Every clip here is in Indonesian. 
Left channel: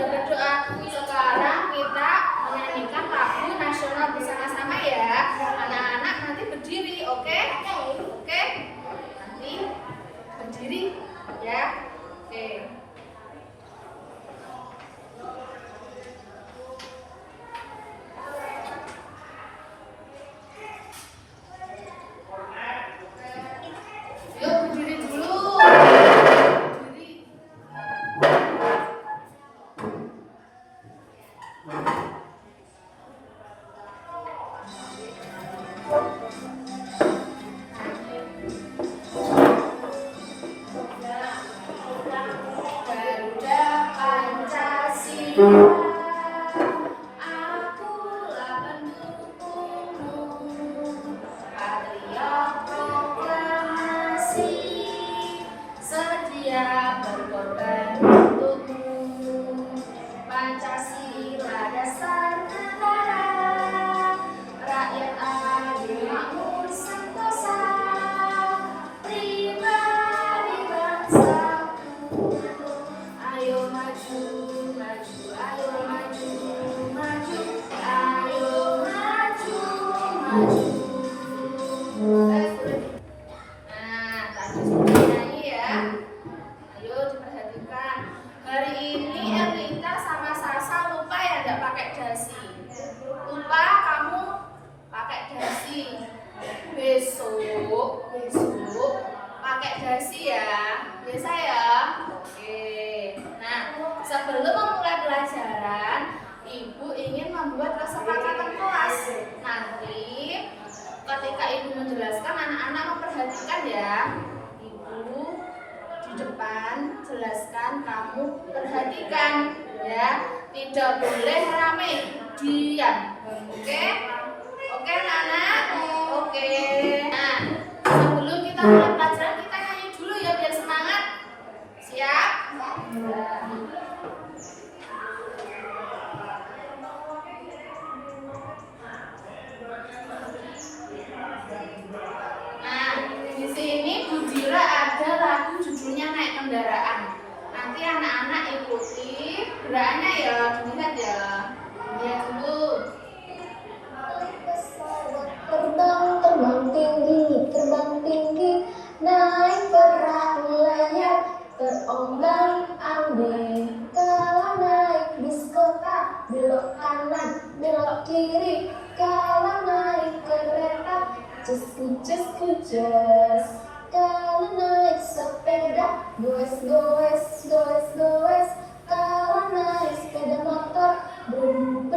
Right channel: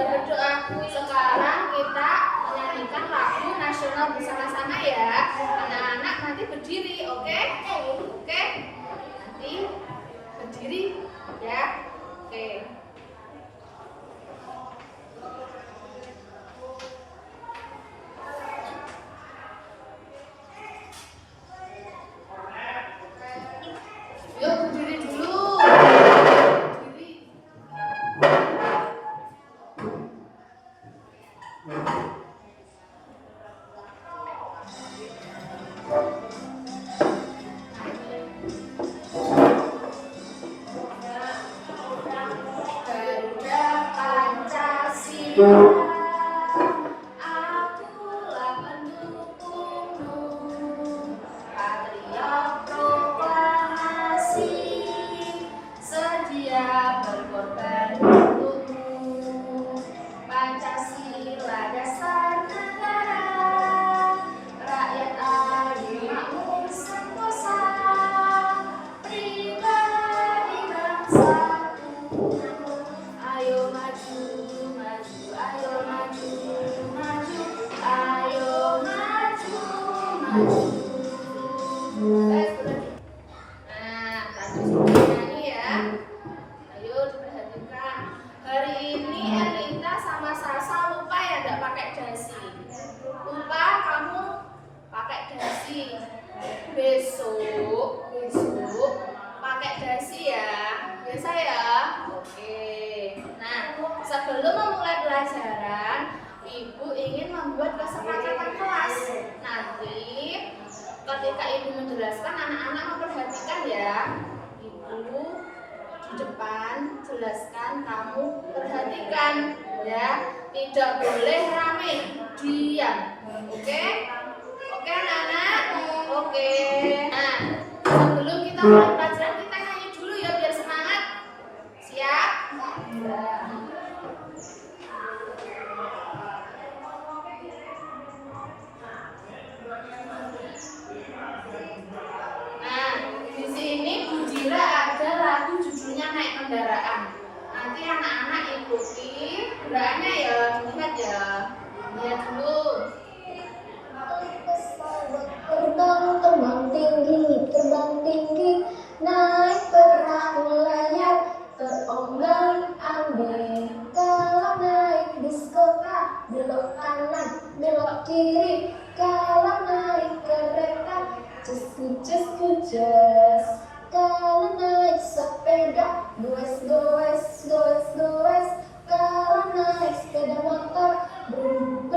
sudah berdoa. Sekarang kita menyanyikan lagu nasional bersama-sama ya. Anak-anak nanti berdiri, oke? Oke? Nanti berdiri ya. Oke. Yuk berdiri dulu. Garuda Pancasila, akulah pendukungmu, patriot proklamasi, sedia berkorban untukmu. Pancasila dasar negara, rakyat adil makmur sentosa, pribadi bangsaku. Ayo maju, maju, ayo maju, maju, ayo maju, maju. Nah, tadi sudah nyanyi ya. Ayo diperhatikan. Hari ini Elita sama Sasa lupa ya enggak pakai dasi. Lupa kamu pakai dasi. Besok pakai dasi ya. Biasa ya? Oke. Nah, sebelum memulai pelajaran, Ibu ingin membuat kesepakatan kelas. Nanti ketika Ibu menjelaskan, anak-anak memperhatikan ya. Ibu di depan jelaskan, kamu perhatikan ya. Tidak boleh rame, diam. Oke? Oke anak-anak? Oke. Nah, sebelum kita mulai pelajaran, kita nyanyi dulu ya biar semangat. Siap? Ya. Nah, di sini Bu Dira ada lagu judulnya Naik Kendaraan. Nanti anak-anak ikuti gerakannya ya, dilihat ya. Lihat dulu. Terbang tinggi, naik perahu layar, terombang ambing. Kalau naik bis kota, belok kanan, belok kiri. Kalau naik kereta, cus. Kalau naik sepeda, goes. Kalau naik sepeda motor, brum.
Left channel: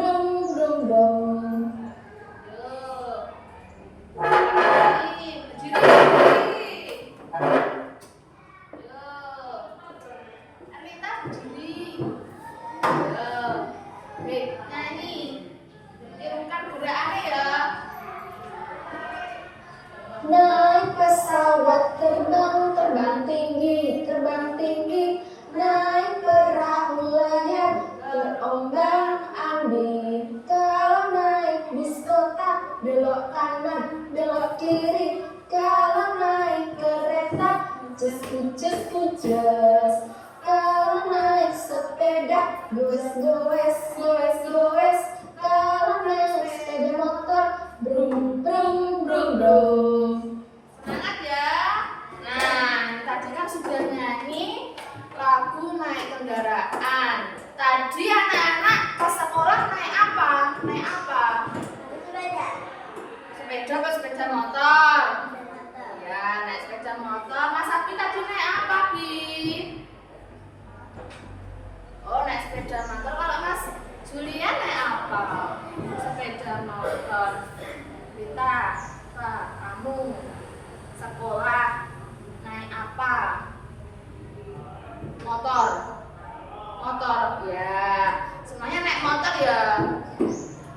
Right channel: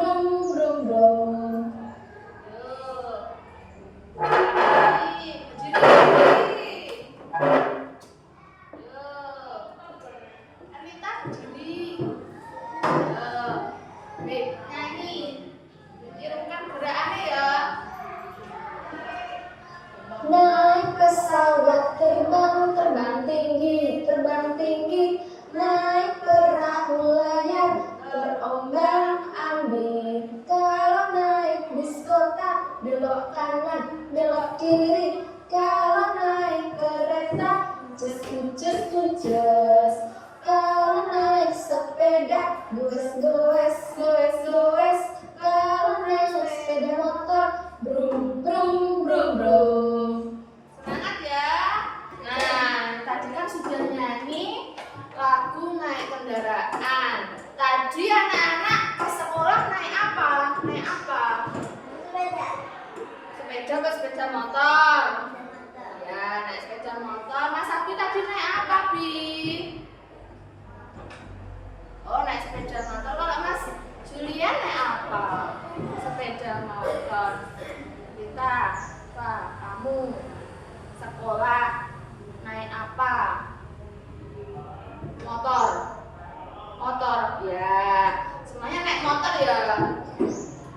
Naik pesawat terbang tinggi, naik perahu layar, terombang ambing. Kalau naik bis kota, belok kanan, belok kiri. Kalau naik kereta, cus. Kalau naik sepeda, goes. Kalau naik sepeda motor, brum. Semangat ya. Nah, tadi kan sudah nyanyi lagu Naik Kendaraan. Tadi anak-anak ke sekolah naik apa? Sepeda ke sepeda motor. Ya, naik sepeda motor. Mas Abi tadi naik apa, Bi? Oh, naik sepeda motor. Kalau Mas Julian naik apa? Sepeda motor. Kita, kamu sekolah naik apa? Motor ya, semuanya naik motor ya.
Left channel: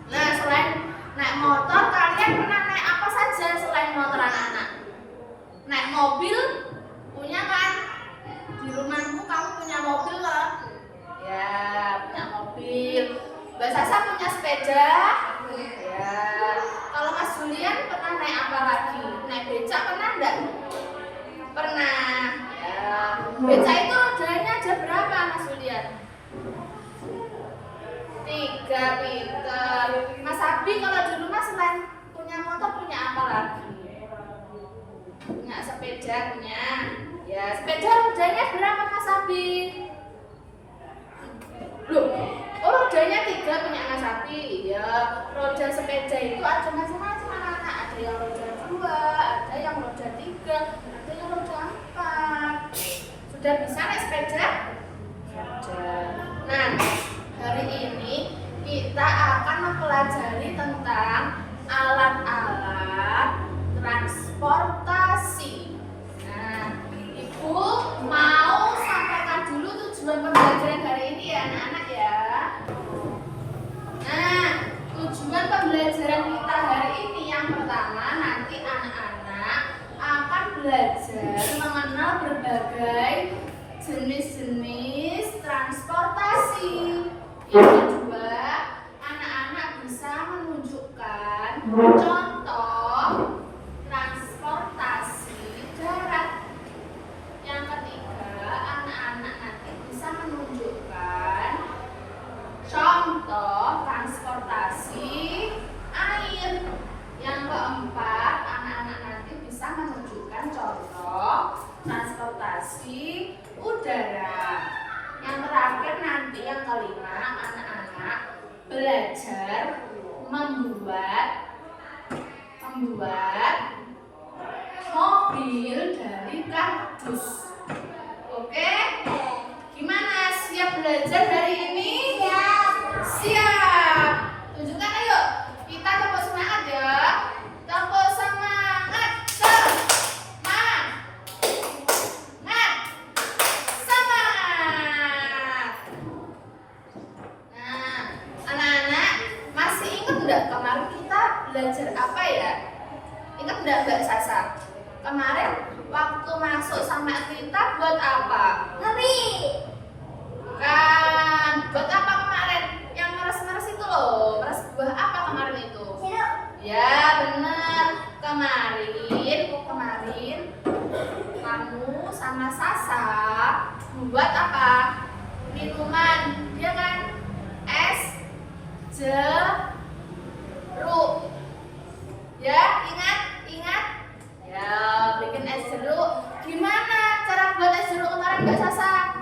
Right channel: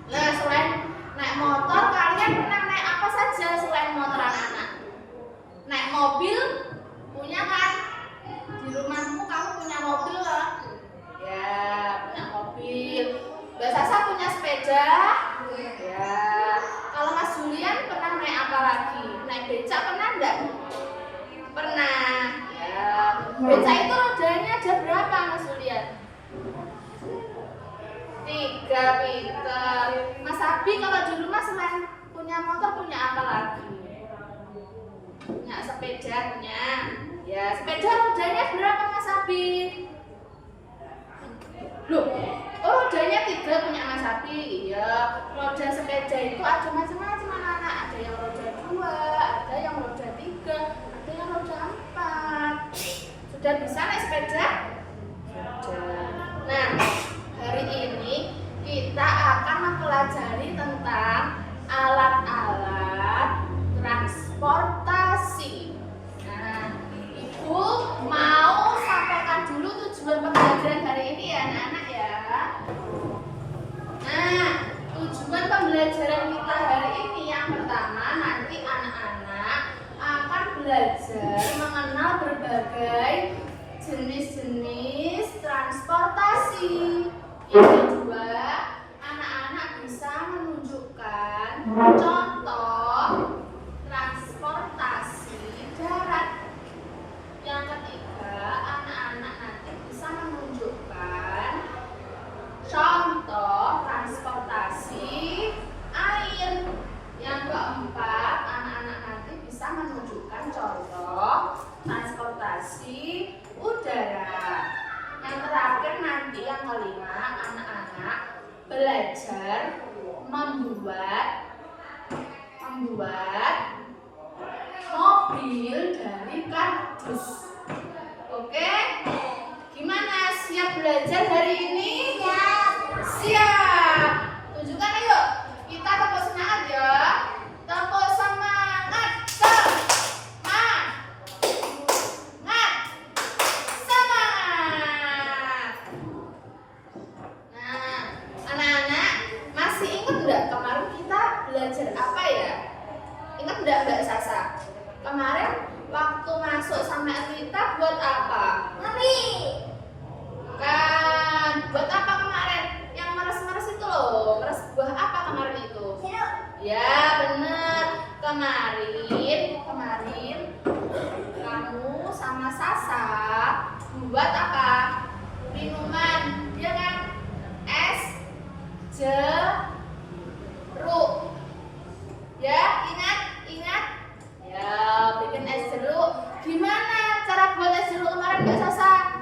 Nah, selain naik motor, kalian pernah naik apa saja selain motor anak-anak? Naik mobil, punya kan? Di rumahmu kamu punya mobil kan? Ya, punya mobil. Mbak Sasa punya sepeda? Ya. Kalau Mas Julian pernah naik apa lagi? Naik becak pernah enggak? Pernah. Ya. Becak itu rodanya ada berapa Mas Julian? Ya pinter. Mas Abi kalau di rumah selain punya motor punya apa lagi? Punya sepeda punya. Ya sepeda rodanya berapa Mas Abi? Loh, oh rodanya 3 punya Mas Abi. Ya roda sepeda itu ada macam-macam anak-anak. Ada yang roda 2, ada yang roda 3, ada yang roda 4. Sudah bisa naik sepeda? Sudah. Nah, hari ini kita akan mempelajari tentang alat-alat transportasi. Nah, Ibu mau sampaikan dulu tujuan pembelajaran hari ini ya anak-anak ya. Nah, tujuan pembelajaran kita hari ini yang pertama nanti anak-anak akan belajar mengenal berbagai jenis-jenis transportasi. Yang kedua, anak-anak bisa menunjukkan contoh transportasi darat. Yang ketiga, anak-anak nanti bisa menunjukkan contoh transportasi air. Yang keempat, anak-anak nanti bisa menunjukkan contoh transportasi udara. Yang terakhir nanti yang kelima, anak-anak belajar membuat mobil dari kardus. Oke? Gimana? Siap belajar hari ini? Siap. Siap. Tunjukkan ayo. Kita tepuk semangat ya. Tepuk semangat. Kemarin kita belajar apa ya? Ingat enggak Mbak Sasa? Kemarin waktu masuk sama kita buat apa? Mami. Kan, buat apa kemarin? Yang meres-meres itu loh. Meres buah apa kemarin itu? Jeruk. Ya, bener. Kemarin kamu sama Sasa buat apa? Minuman. Dia kan es jeruk. Ya, ingat? Ya, bikin es jeruk. Gimana cara buat es jeruk kemarin Mbak Sasa?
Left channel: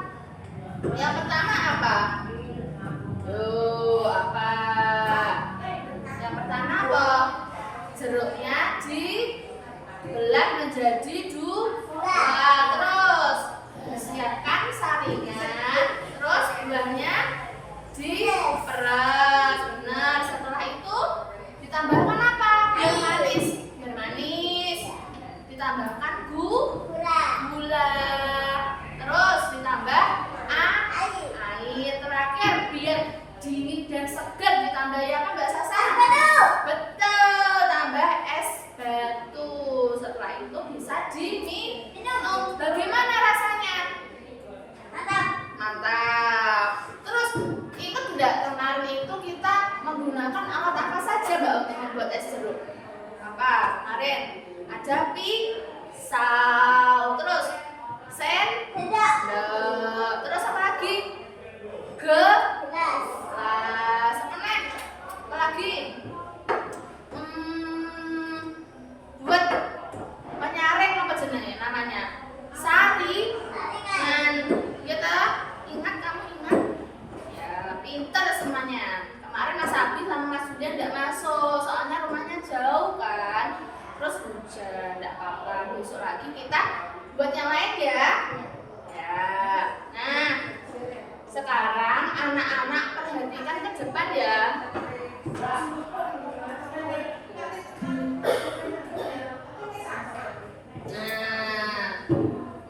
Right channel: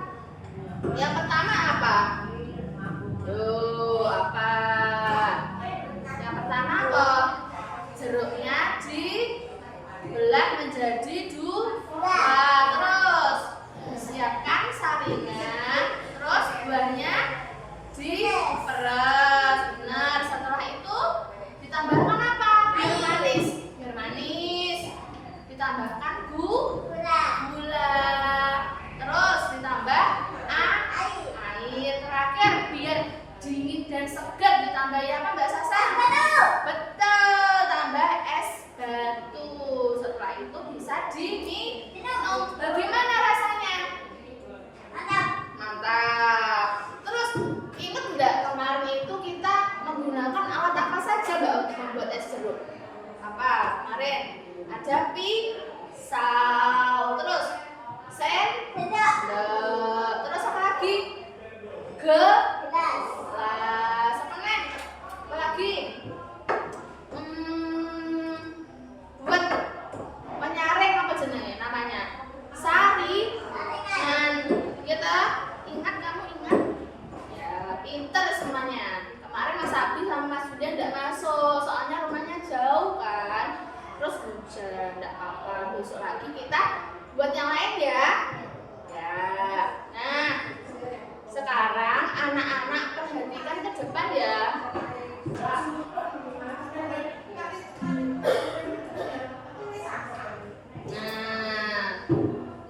Yang pertama apa? Tuh, apa? Yang pertama apa? Jeruknya dibelah menjadi 2. Terus siapkan saringan. Terus buahnya diperas. Benar. Setelah itu ditambahkan apa? Biar manis. Ditambahkan gula. Terus ditambah air. Terakhir biar dingin dan segar ditambah apa Mbak Sasa? Betul. Tambah es batu. Setelah itu bisa diminum. Bagaimana rasanya? Mantap. Terus ingat enggak kemarin itu kita menggunakan alat apa saja Mbak untuk membuat es jeruk? Apa kemarin? Ada pisau. Terus sendok. Terus apa lagi? Gelas. Apa lagi? Buat menyaring apa jenenge namanya? Saringan. Ya toh? Ingat kamu ingat? Ya, pinter semuanya. Kemarin Mas Abi sama Mas Julian enggak masuk, soalnya rumahnya jauh kan. Terus hujan, enggak apa-apa. Besok lagi kita buat yang lain ya. Ya. Nah, sekarang anak-anak perhatikan ke depan ya. Nah,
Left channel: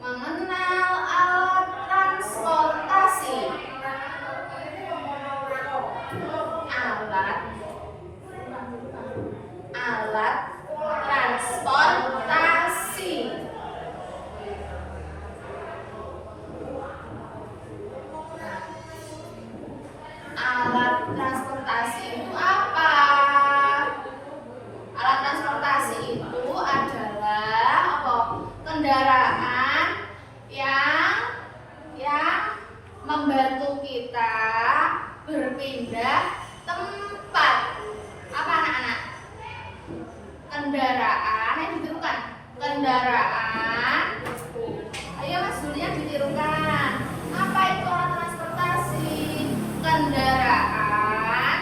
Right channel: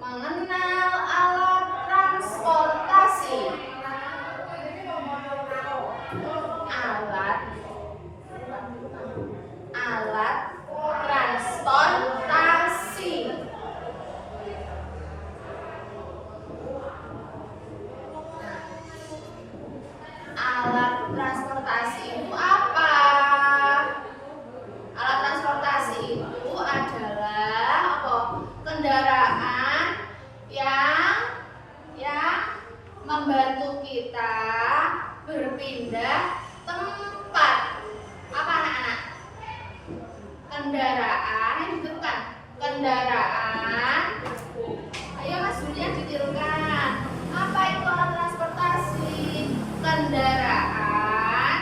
mengenal alat transportasi. Alat transportasi. Alat transportasi itu apa? Alat transportasi itu adalah apa? Kendaraan yang membantu kita berpindah tempat. Apa anak-anak? Kendaraan yang ditirukan. Kendaraan. Ayo Mas Julian ditirukan. Apa itu alat transportasi? Kendaraan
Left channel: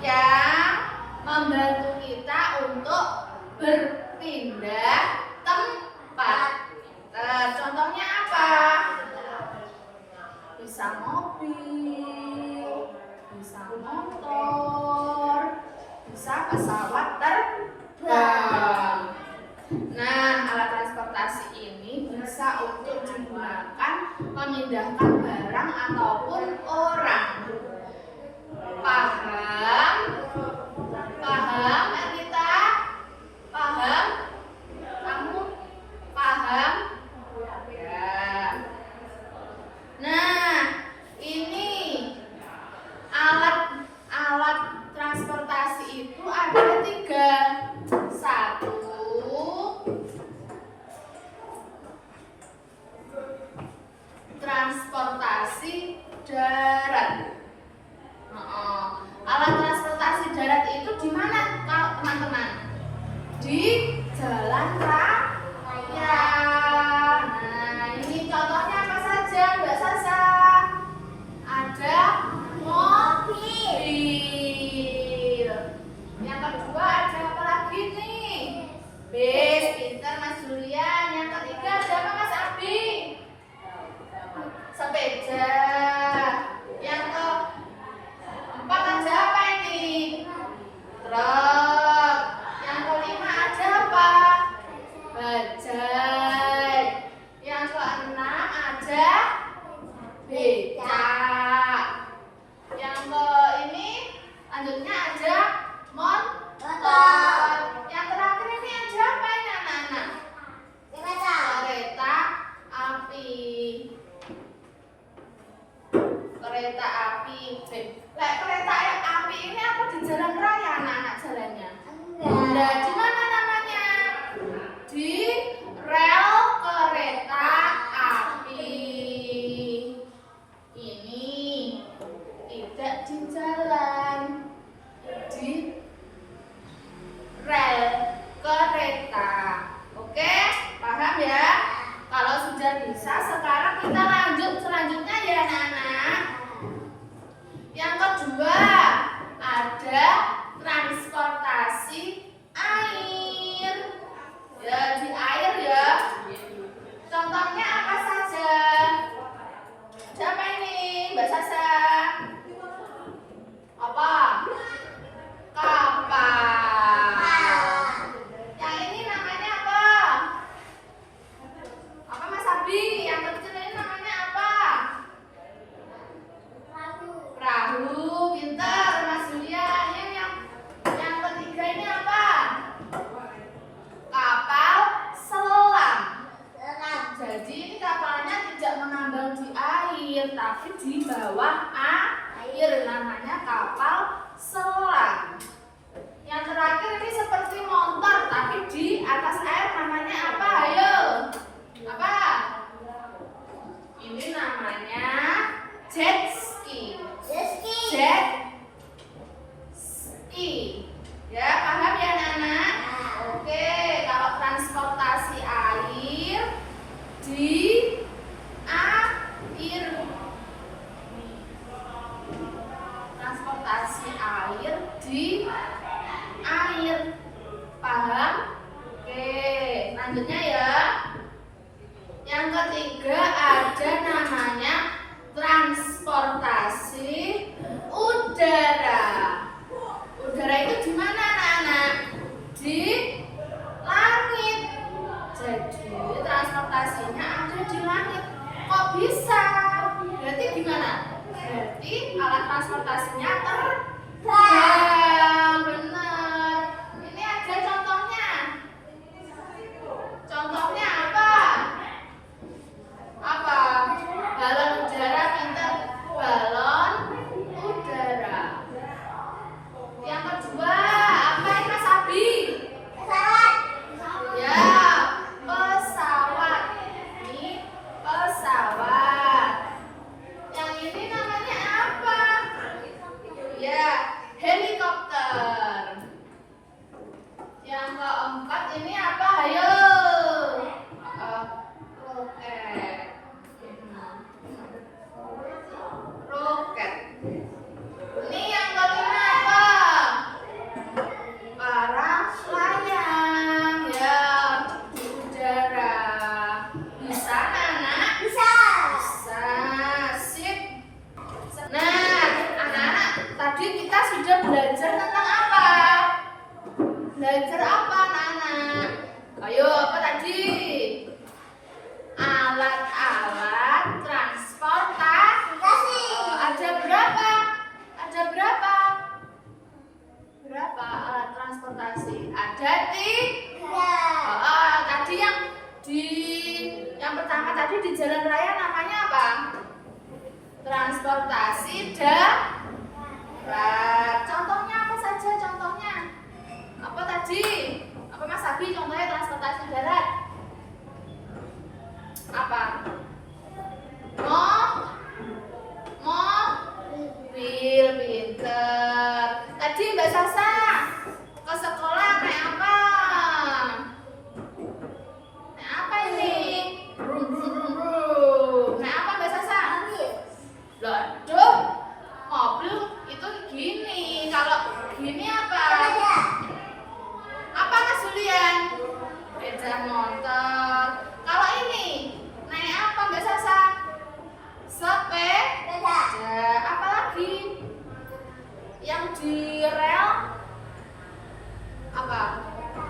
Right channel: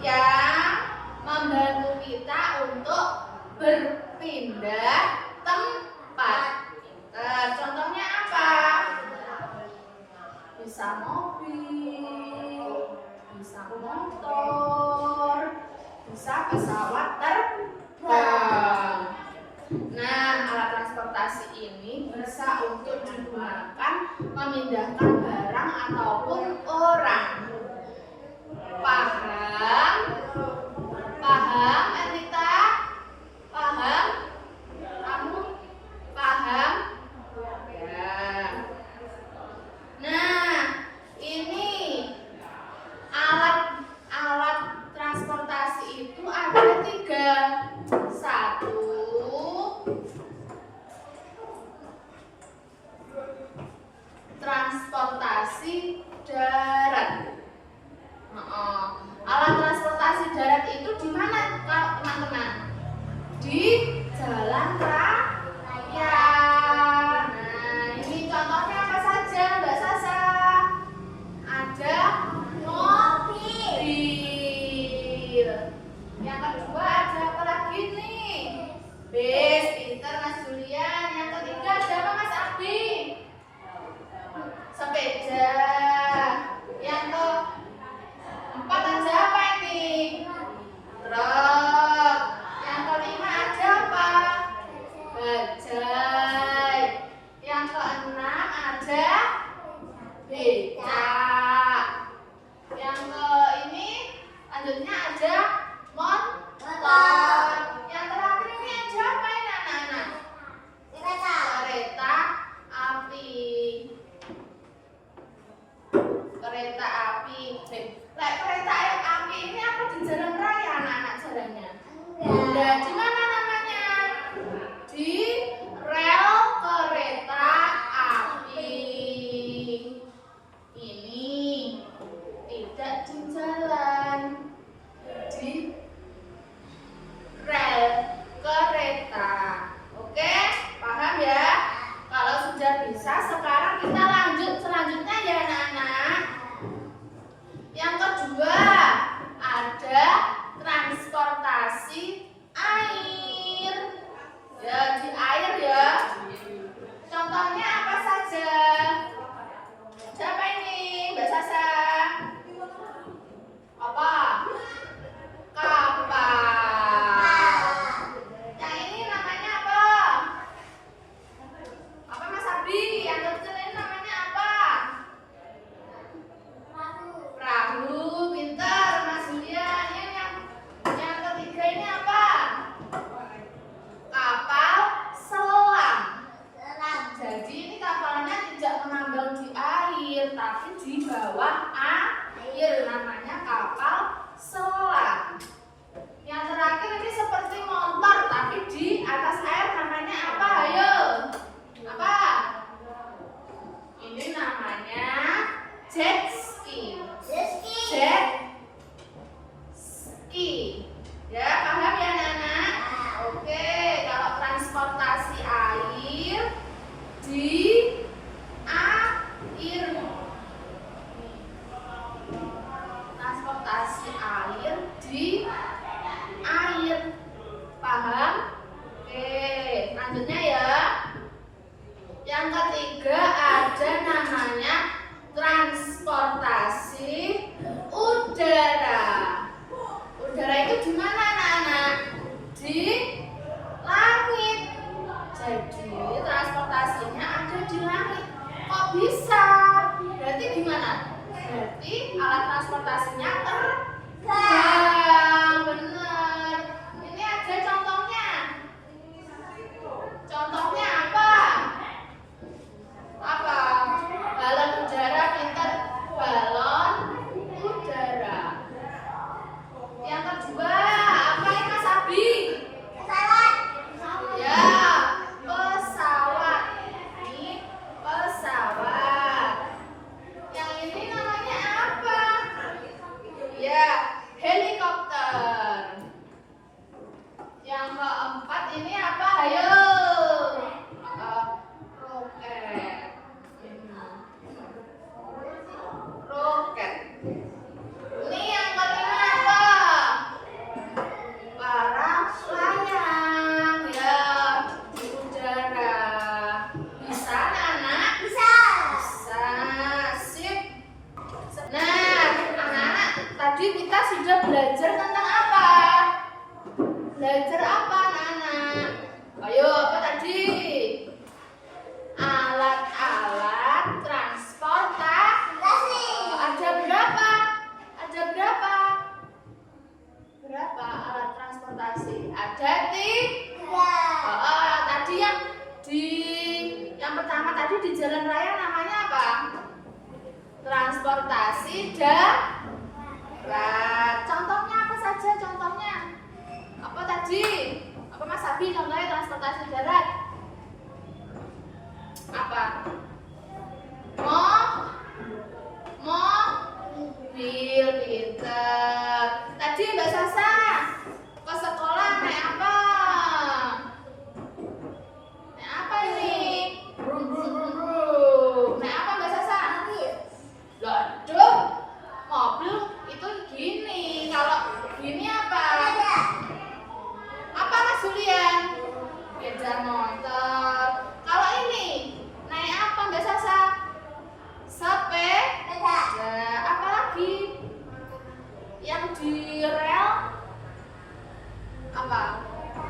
yang membantu kita untuk berpindah tempat. Contohnya apa? Bisa mobil, bisa motor, bisa pesawat terbang. Nah, alat transportasi ini bisa untuk digunakan memindahkan barang ataupun orang. Paham? Paham, Erita? Paham? Kamu paham? Ya. Nah, ini alat transportasi itu ada 3. 1, transportasi darat. Alat transportasi darat itu di mana, teman-teman? Di jalan raya. Nah, ini contohnya apa saja, Mbak Sasa? Ada mobil. Yang kedua ada apa lagi nih? Bis, pintar Mas Julian. Yang ketiga ada apa Mas Abi? Sepeda. Yang keempat ada apa ini? Truk. Yang kelima ada apa? Bajai. Yang keenam ada becak. Yang ini lanjutnya ada motor. Yang terakhir ini ada apa ini anak-anak? Kereta api. Kereta api. Kereta api ini apa di jalan raya anak-anak jalannya? Nah, di mana namanya? Di rel kereta api. Ini tidak di jalan, di rel kereta. Oke, paham ya? Kalau sudah bisa, sekarang kita lanjut selanjutnya ya anak-anak. Yang kedua ada transportasi air. Ya, di air ya. Contohnya apa saja? Siapa ini? Mbak Sasa. Apa? Kapal. Yang ini namanya apa? Apa Mas Abi? Yang kecil ini namanya apa? Perahu. Pintar Mas Julian. Yang ketiga ini apa? Kapal selam. Jadi ini kapalnya tidak mengambang di air, tapi di bawah air, namanya kapal selam. Yang terakhir ini seperti motor, tapi di atas air, namanya apa? Ayo, apa? Ini namanya jet ski. Jet ski. Ya, paham ya anak-anak? Oke, kalau transportasi air di air. Transportasi air sudah belajar tentang apa? Belajar apa anak-anak? Ayo, apa tadi? Alat-alat transportasi. Ada berapa? Ada berapa? Berapa alat transportasi? Ada tiga. Tadi yang pertama tadi di jalan raya namanya apa? Transportasi darat. Contohnya apa saja? Contohnya apa tadi? Apa Mas Abi contohnya transportasi darat? Apa? Mobil, pinter. Tadi Mbak Sasa ke sekolah naik apa? Naik apa ini? Brum, brum, brum, brum. Naik apa Mbak Sasa? Loh, mobil itu gini. Kalau gini apa? Apa Mas Julian? Sepeda motor. Kalau ini naik apa Mbak Sasa? Sepeda. Apa lagi? Yang di rel apa?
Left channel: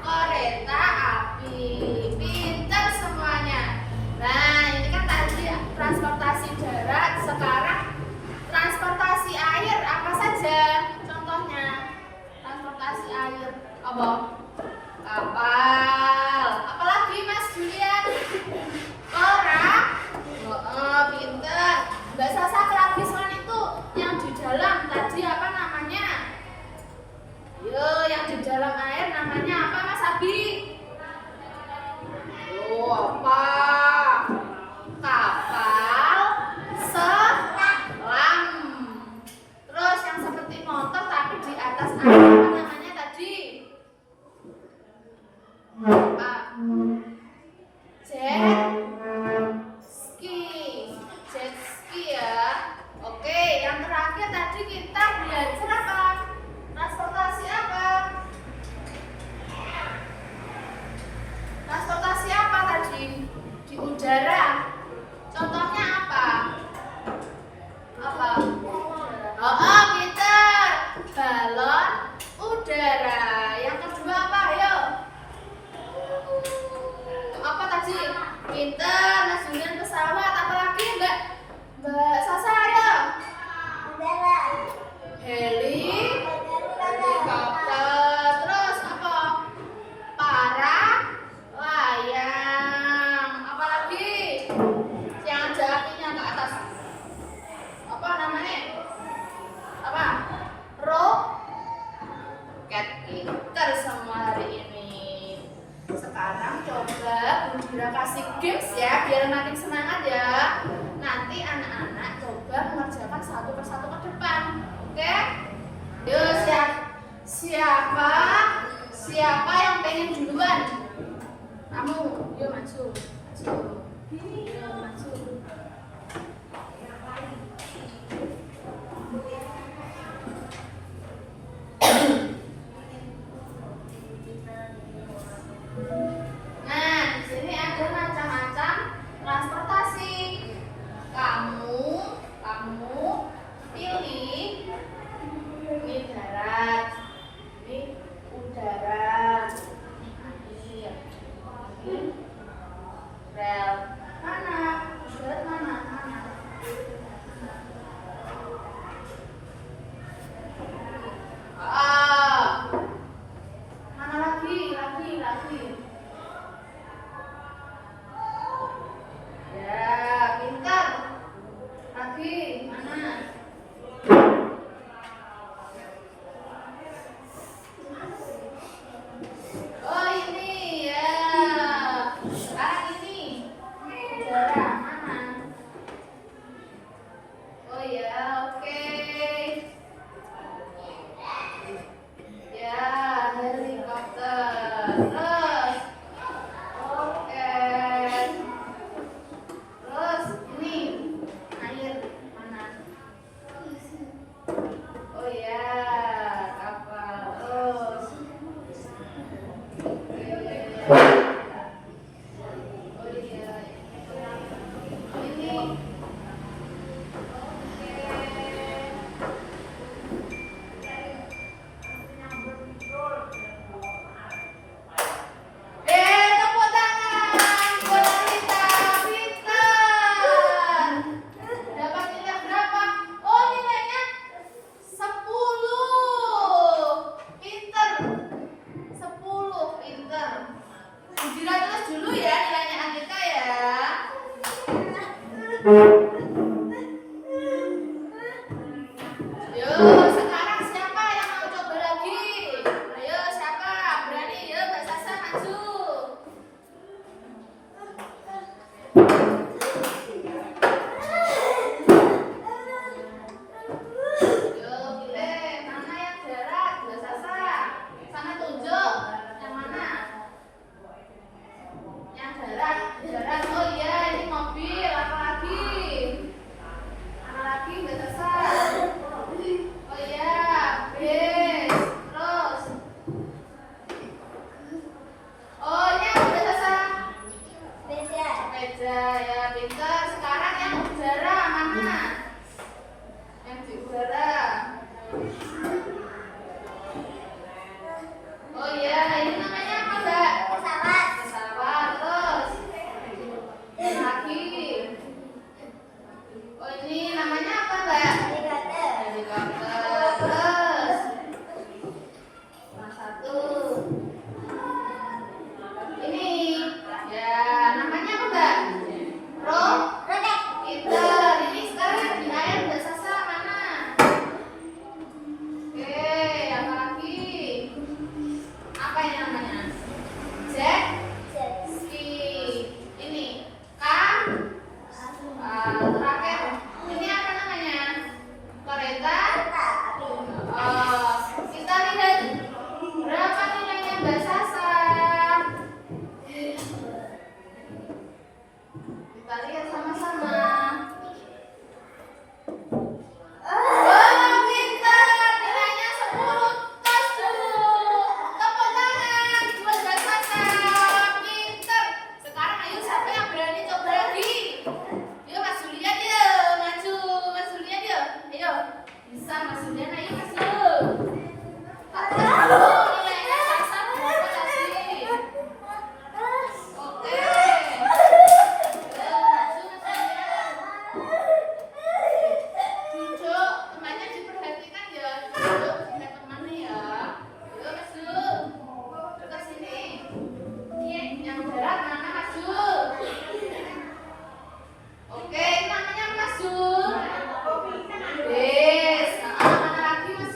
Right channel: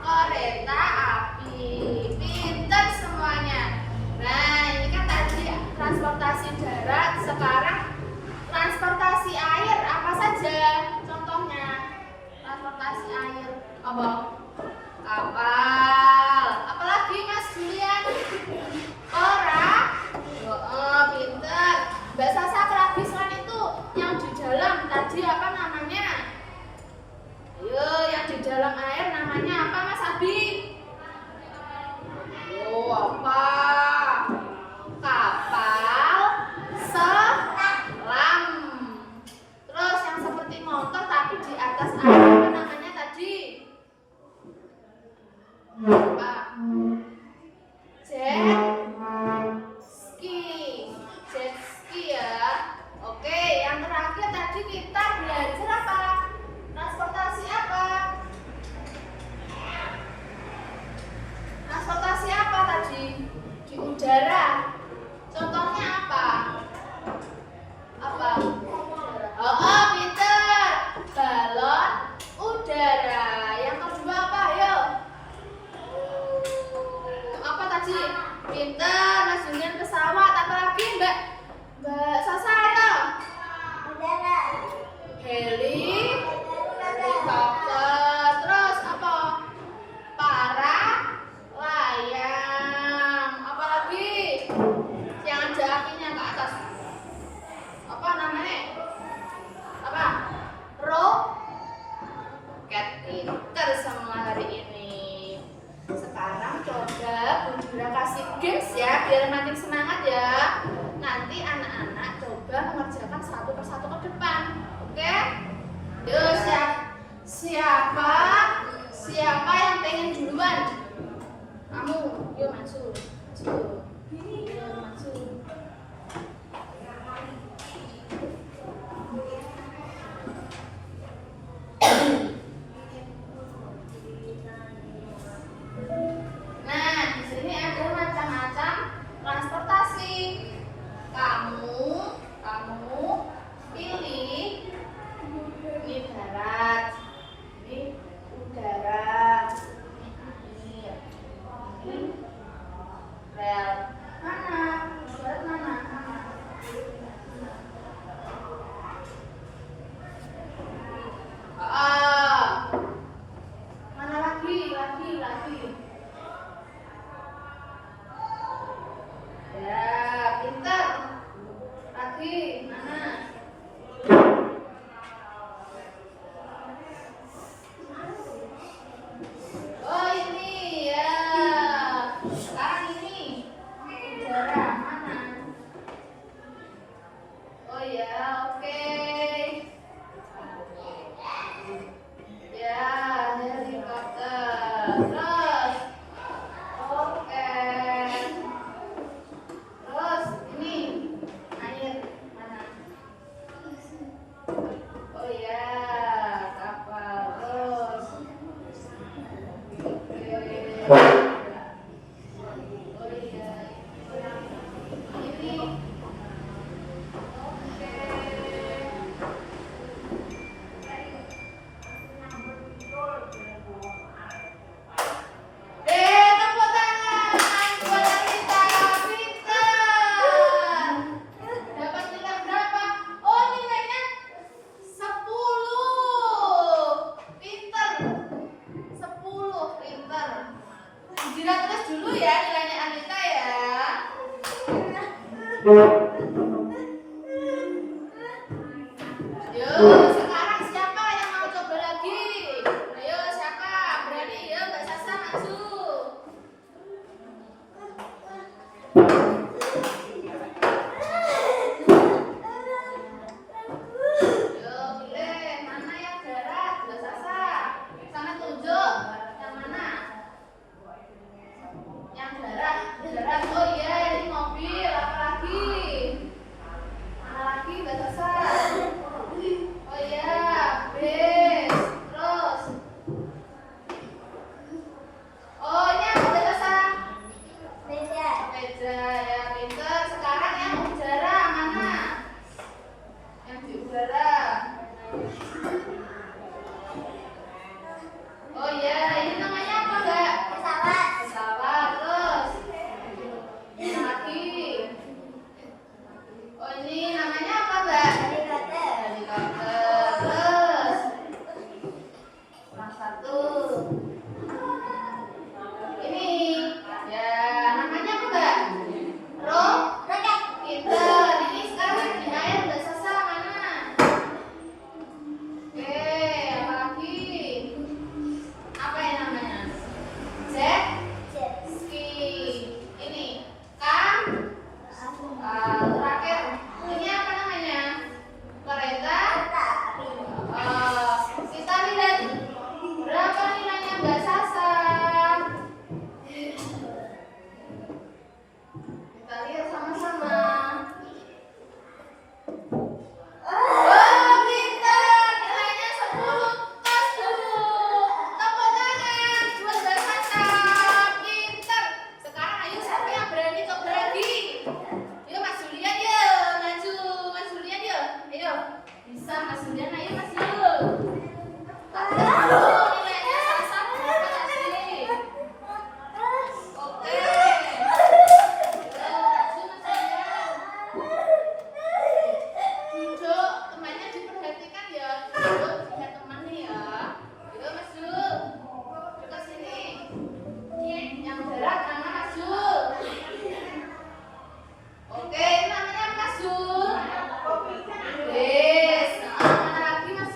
Kereta api. Pinter semuanya. Nah, ini kan tadi transportasi darat. Sekarang transportasi air apa saja? Contohnya transportasi air apa? Kapal. Apalagi Mas Julian? Pinter. Mbak Sasa lagi selain itu yang di dalam tadi apa namanya? Yo, yang di dalam air namanya apa Mas Abi? Apa? Kapal selam. Terus yang seperti motor tapi di atas air apa namanya tadi? Apa? Jet ski ya. Oke, yang terakhir tadi kita belajar apa? Transportasi apa? Transportasi apa tadi? Di udara. Contohnya apa? Apa? Pinter. Balon udara. Yang kedua apa? Ayo. Apa tadi? Pinter. Mas Julian pesawat. Apa lagi Mbak Sasa ayo? Helikopter. Terus apa? Layang. Apa lagi? Yang ada apinya ke atas. Apa namanya? Apa? Roket. Pinter semua hari ini. Sekarang coba Bunda Dira kasih games ya, biar makin semangat ya. Nanti anak-anak coba mengerjakan satu persatu ke depan. Oke? Yuk, siapa yang pengen duluan? Kamu, yuk maju. Yuk maju. Nah, di sini ada macam-macam transportasi. Kamu pilih ini darat, ini udara, ini air, ini rel. Mana? Darat mana? Mana lagi? Ya, pintar. Lagi mana? Oh ini ya. Sekarang ini udara mana? Oh ya, oke. Ya, helikopter. Terus, oke. Terus ini air mana? Oh ya, kapal. Terus, oke. Oh iya, ini. Oke. Yuk, sekarang siapa yang mau coba lagi? Ayo, siapa? Berani? Yuk, Mbak Sasa maju. Yuk, pilih mana yang darat, Mbak Sasa. Sana tunjuk yang mana? Yang darat, darat. Oh iya, ini mobil. Apa lagi? Mana lagi, Mbak Sasa? Oh iya, bis. Terus. Oh ini apa Mbak Sasa? Meja. Meja ya, pinter. Sekarang yang udara mana? Yang di udara. Oh iya, ini namanya apa Mbak? Pesawat. Pesawat. Terus. Yang lagi. Oh ini namanya apa Mbak? Helikopter. Helikopter. Terus. Kurang satu. Ini ya namanya apa Mbak? Roket. Pinter. Ini sekarang di air Mbak Sasa mana? Oke, apa lagi? Apa ini namanya? Jet Jet. ski. Ini kan terakhir. Ini apa namanya? Kereta. Kereta api. Kita lihat berapa nilainya Mbak Sasa. Kita lihat sama-sama. Oh, pintar. Nilainya 10. Tos dulu. Tepuk tangan buat Mbak Sasa. Pintar. Sekarang ayo siapa yang berani coba lagi? Yuk Mas Julian yuk. Maju. Mas Julian yuk. Ayo. Bisa Mas Julian, ayo Mas yuk. Tak dulu nilainya satu berapa tadi? Oke. Duduk, temannya diperhatikan ya. Duduk, kita temannya ya. Yuk, maju. Dekat sini. Ini yang berat mana maju? Oke, ini namanya maju. Bis. Mana lagi maju?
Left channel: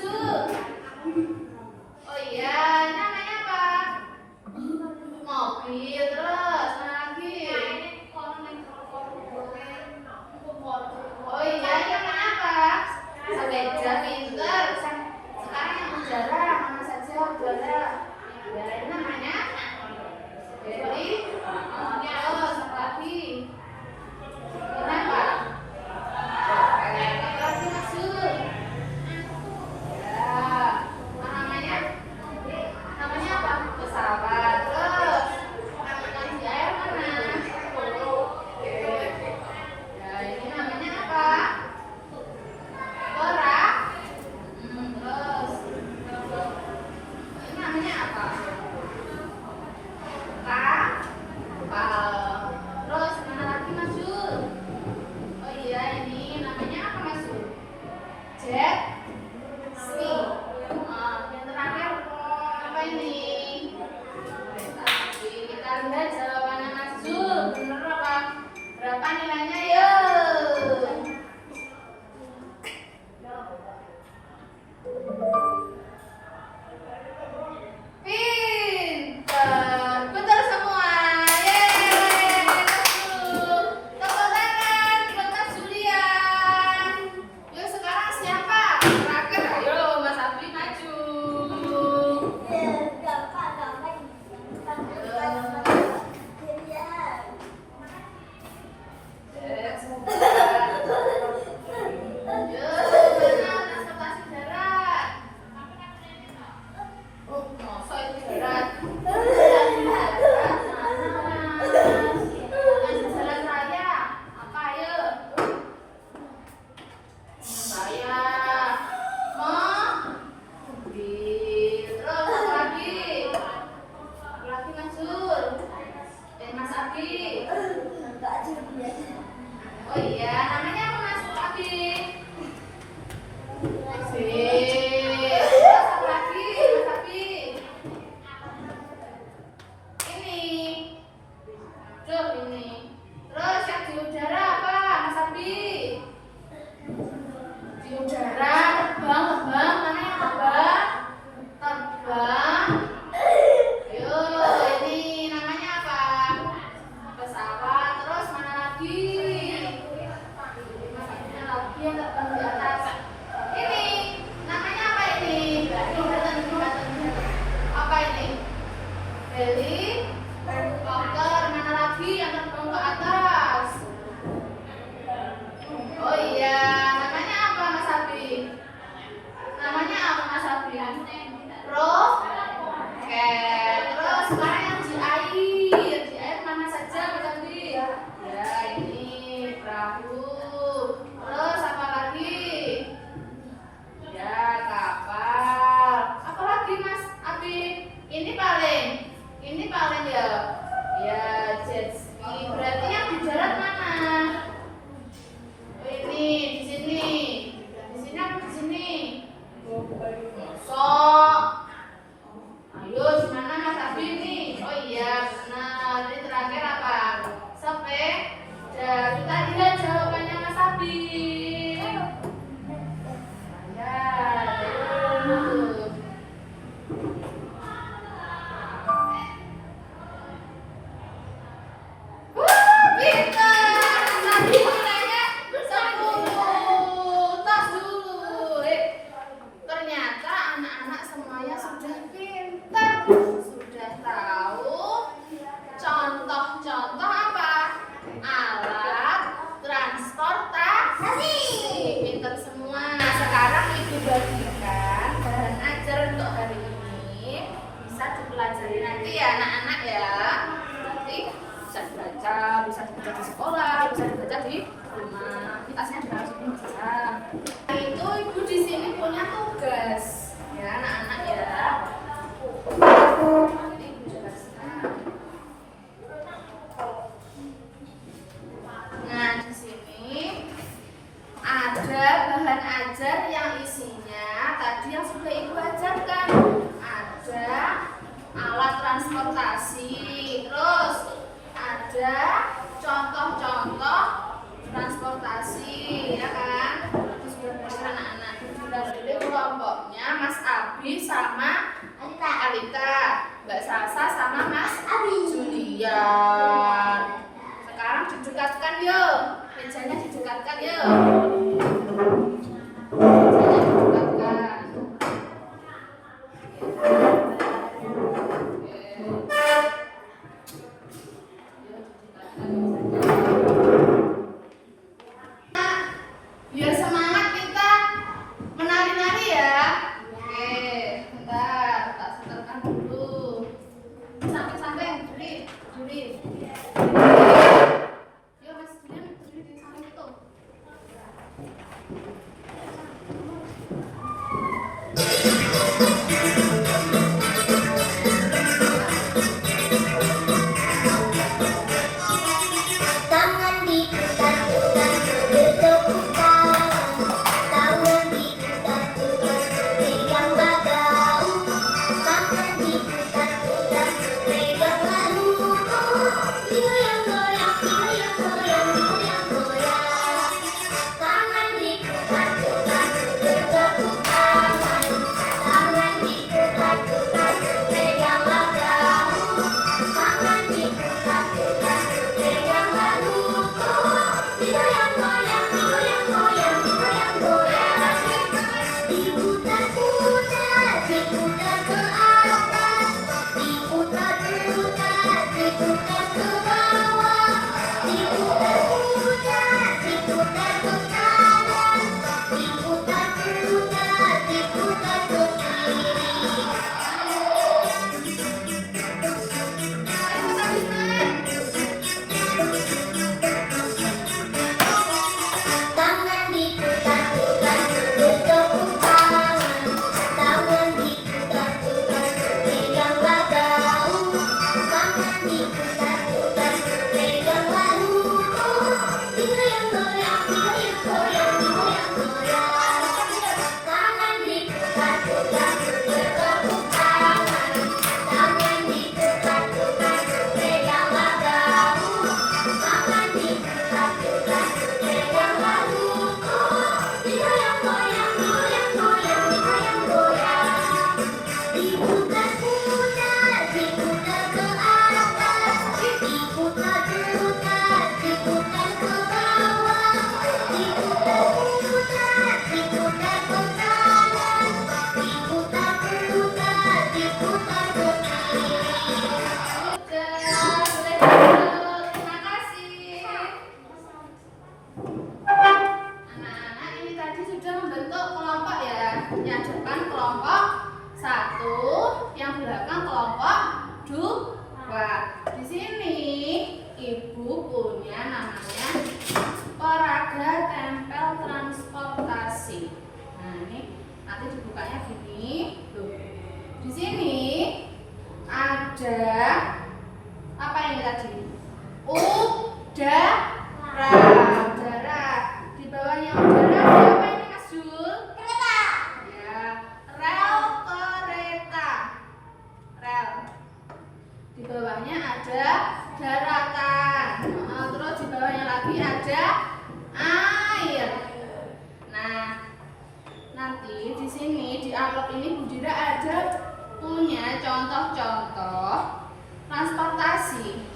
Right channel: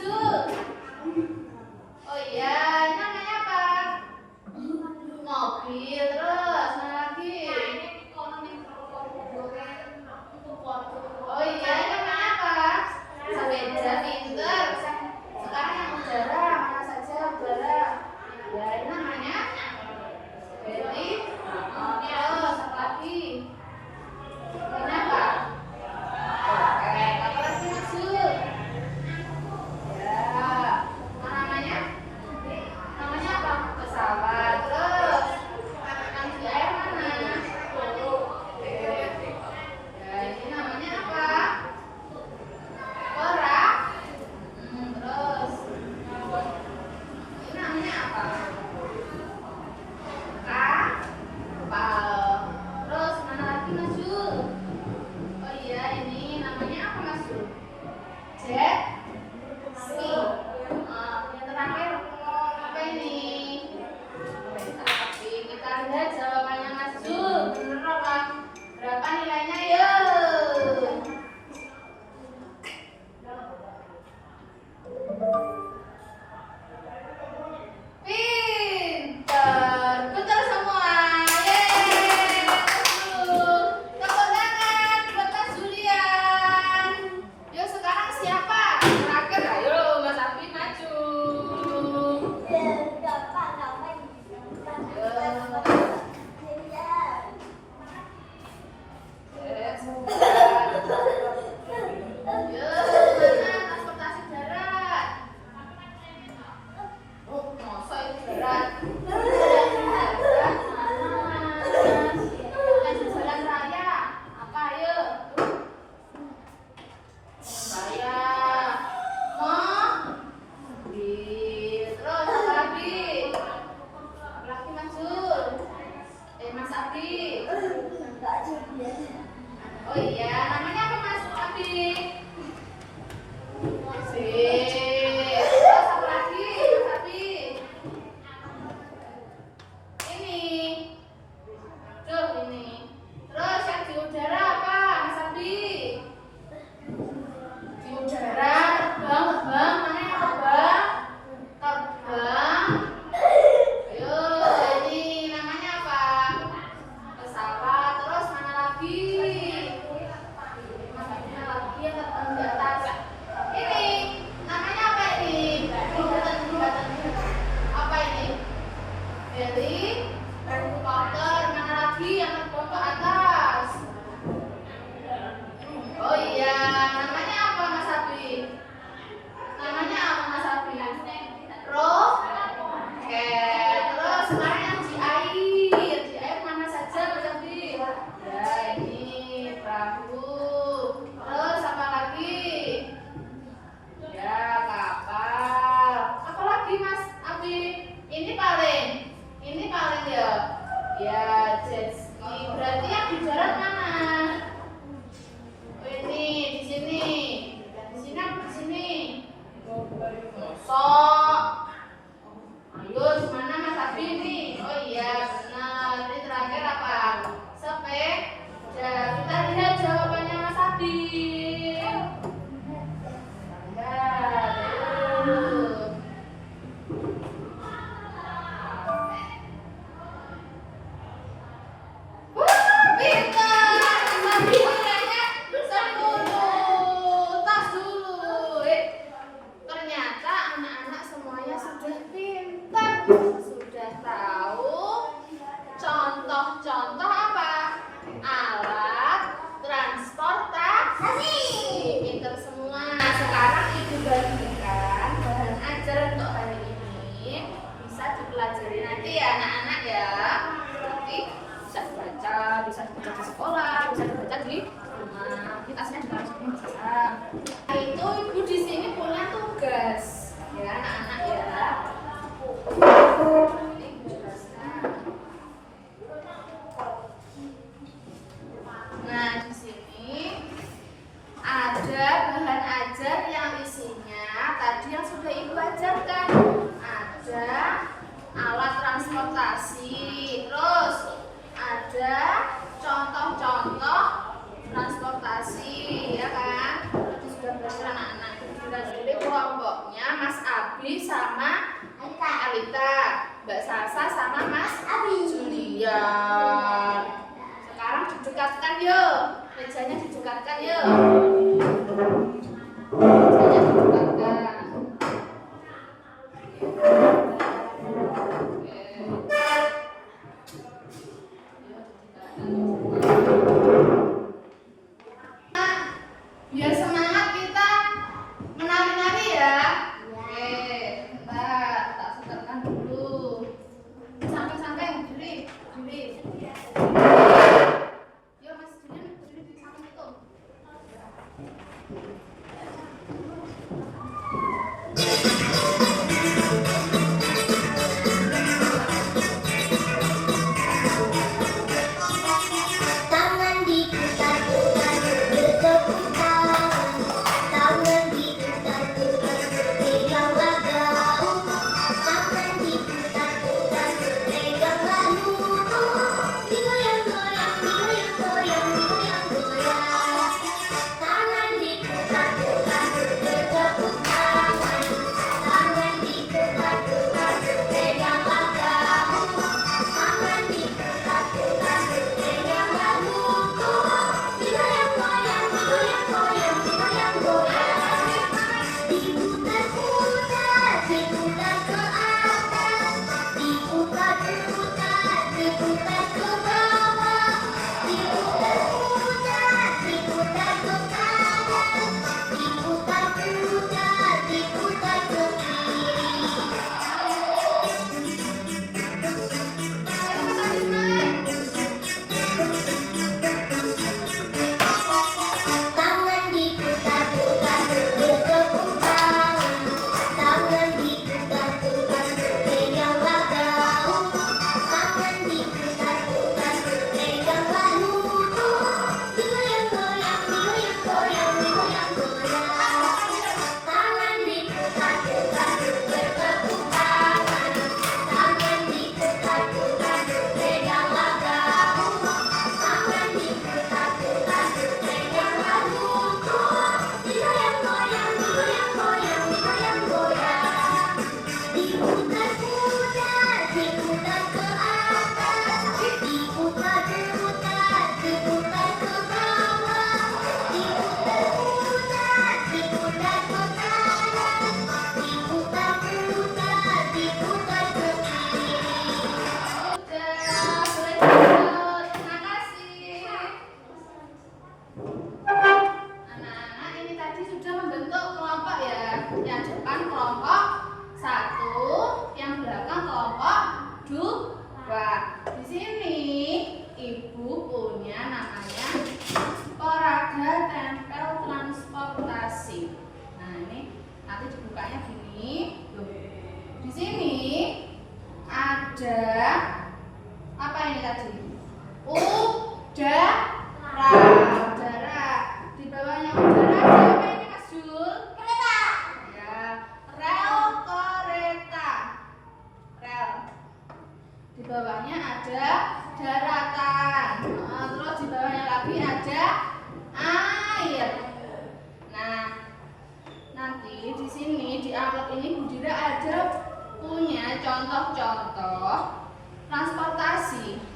Mosok. Ayo, mana Mas Abi nih? Oh iya, benar. Ini terakhir apa? Sepeda. Kita lihat jawabannya Mas Abi. Sudah tahu contoh-contoh apa? Alat transportasi. Pinter semua. Nah, sekarang Ibu bagikan bahan ajar untuk hari ini. Bisa dipelajari nanti ya anak-anak ya. Nanti bisa dibaca di sekolah, bisa dibaca di rumah. Ini tasnya juga harus bisa. Itu Ibu di sini punya tugas ya anak-anak ya. Nanti Ibu jelaskan. Nah, di sini ada bahan ajar yang isinya tadi yang sudah Ibu ajarkan. Ada alat transportasi, terus ada contoh-contoh transportasi, ya kan? Itu sudah belajar anak-anak. Jadi kelompoknya Mas Abi sama Alita, Mbak Sasa sama Mas Julian. Sekarang didekatkan yuk, mejanya didekatkan yuk. Mejanya didekatkan. Biar semangat kita menari-nari ya. Oke, bentar, tak setelkan dulu. Samping-samping, juri. Yuk Mas Julian, juri di samping itu. Tangan diputar-putar, bertepuk tangan. Tangan diputar-putar, pegang gagang. Tangan diputar-putar, pegang lalu. Digoyang-goyang, digoyang-goyang, digoyang-goyang. Tangan diputar-putar, bertepuk tangan. Tangan diputar-putar, pegang gagang. Tangan diputar-putar, pegang lalu. Digoyang-goyang, digoyang-goyang, digoyang-goyang. Diputar-putar, diputar ke atas. Diputar-putar, diputar ke bawah. Diputar-putar, diputar ke kanan. Diputar-putar, diputar ke kiri. Tangan diputar-putar, bertepuk tangan. Tangan diputar-putar, pegang gagang. Tangan diputar-putar, pegang lalu. Digoyang-goyang, digoyang-goyang, digoyang-goyang. Tangan diputar-putar, bertepuk tangan. Tangan diputar-putar, pegang gagang. Tangan diputar-putar, pegang lalu. Digoyang-goyang, digoyang-goyang, digoyang-goyang. Diputar-putar, diputar ke atas. Diputar-putar, diputar ke bawah. Diputar-putar, diputar ke kanan. Diputar-putar, diputar ke kiri. Sudah, boleh duduk. Terima kasih. Anak-anak ini tadi sudah membentuk kelompok ya. Yang depan kelompok 1, yang belakang kelompok 2. Di sini Ibu punya namanya peraga tempel transportasi. Nah, ini nanti dibukanya gini. Tuh. Di sini ada apa ini tadi? Udara. Udara. Di bawahnya udara ada apa ini Mas Jul? Kereta. Ya, rel. bawahnya ada daratan. Nah, terus di bawahnya lagi ada air. Nah, nanti di sini di amplop ini Bu Dira ada punya contoh-contoh transportasi.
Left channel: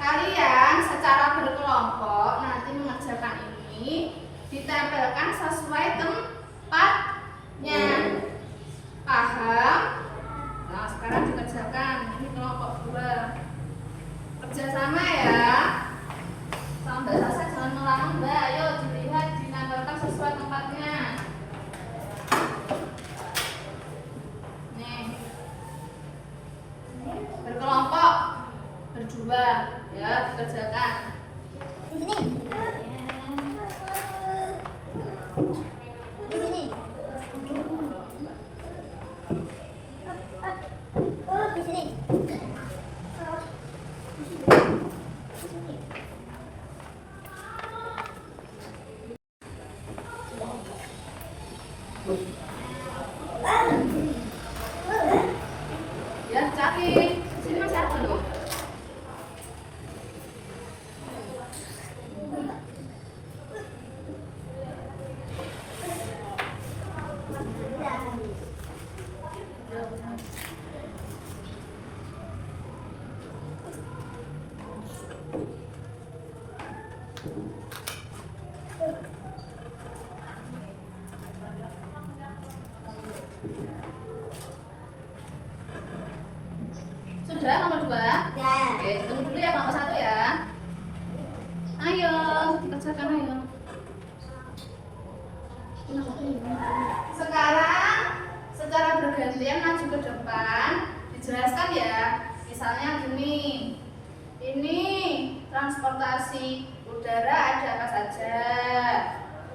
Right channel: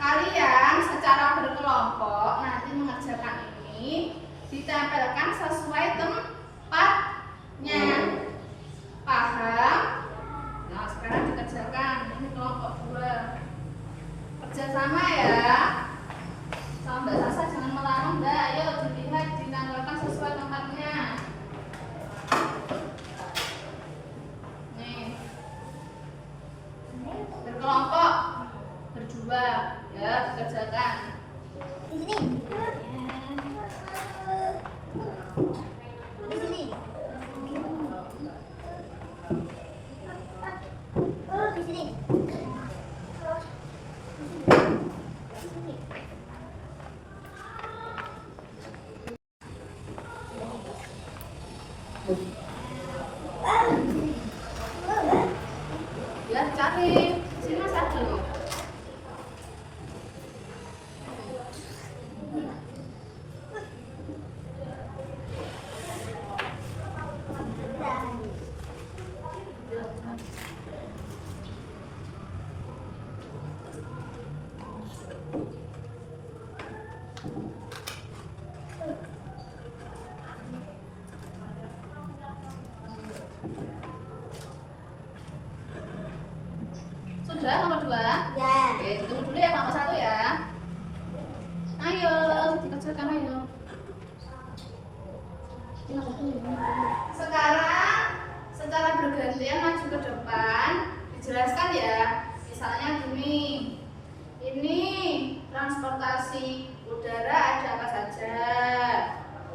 Kalian secara berkelompok nanti mengerjakan ini ditempelkan sesuai tempatnya. Paham? Nah, sekarang dikerjakan. Ini kelompok 2. Kerjasama ya. Sama Mbak Sasa jangan melarang Mbak. Ayo dilihat ditempelkan sesuai tempatnya. Nih. Berkelompok berdua ya, dikerjakan. Di sini. Di sini. Di sini. Ya, cari. Sini masih ada loh. Sudah nomor 2? Ya. Oke, tunggu dulu ya nomor 1 ya. Ayo, dikerjakan ayo. Sekarang secara bergantian maju ke depan, dijelaskan ya. Misalnya gini. Ini transportasi udara ada apa saja?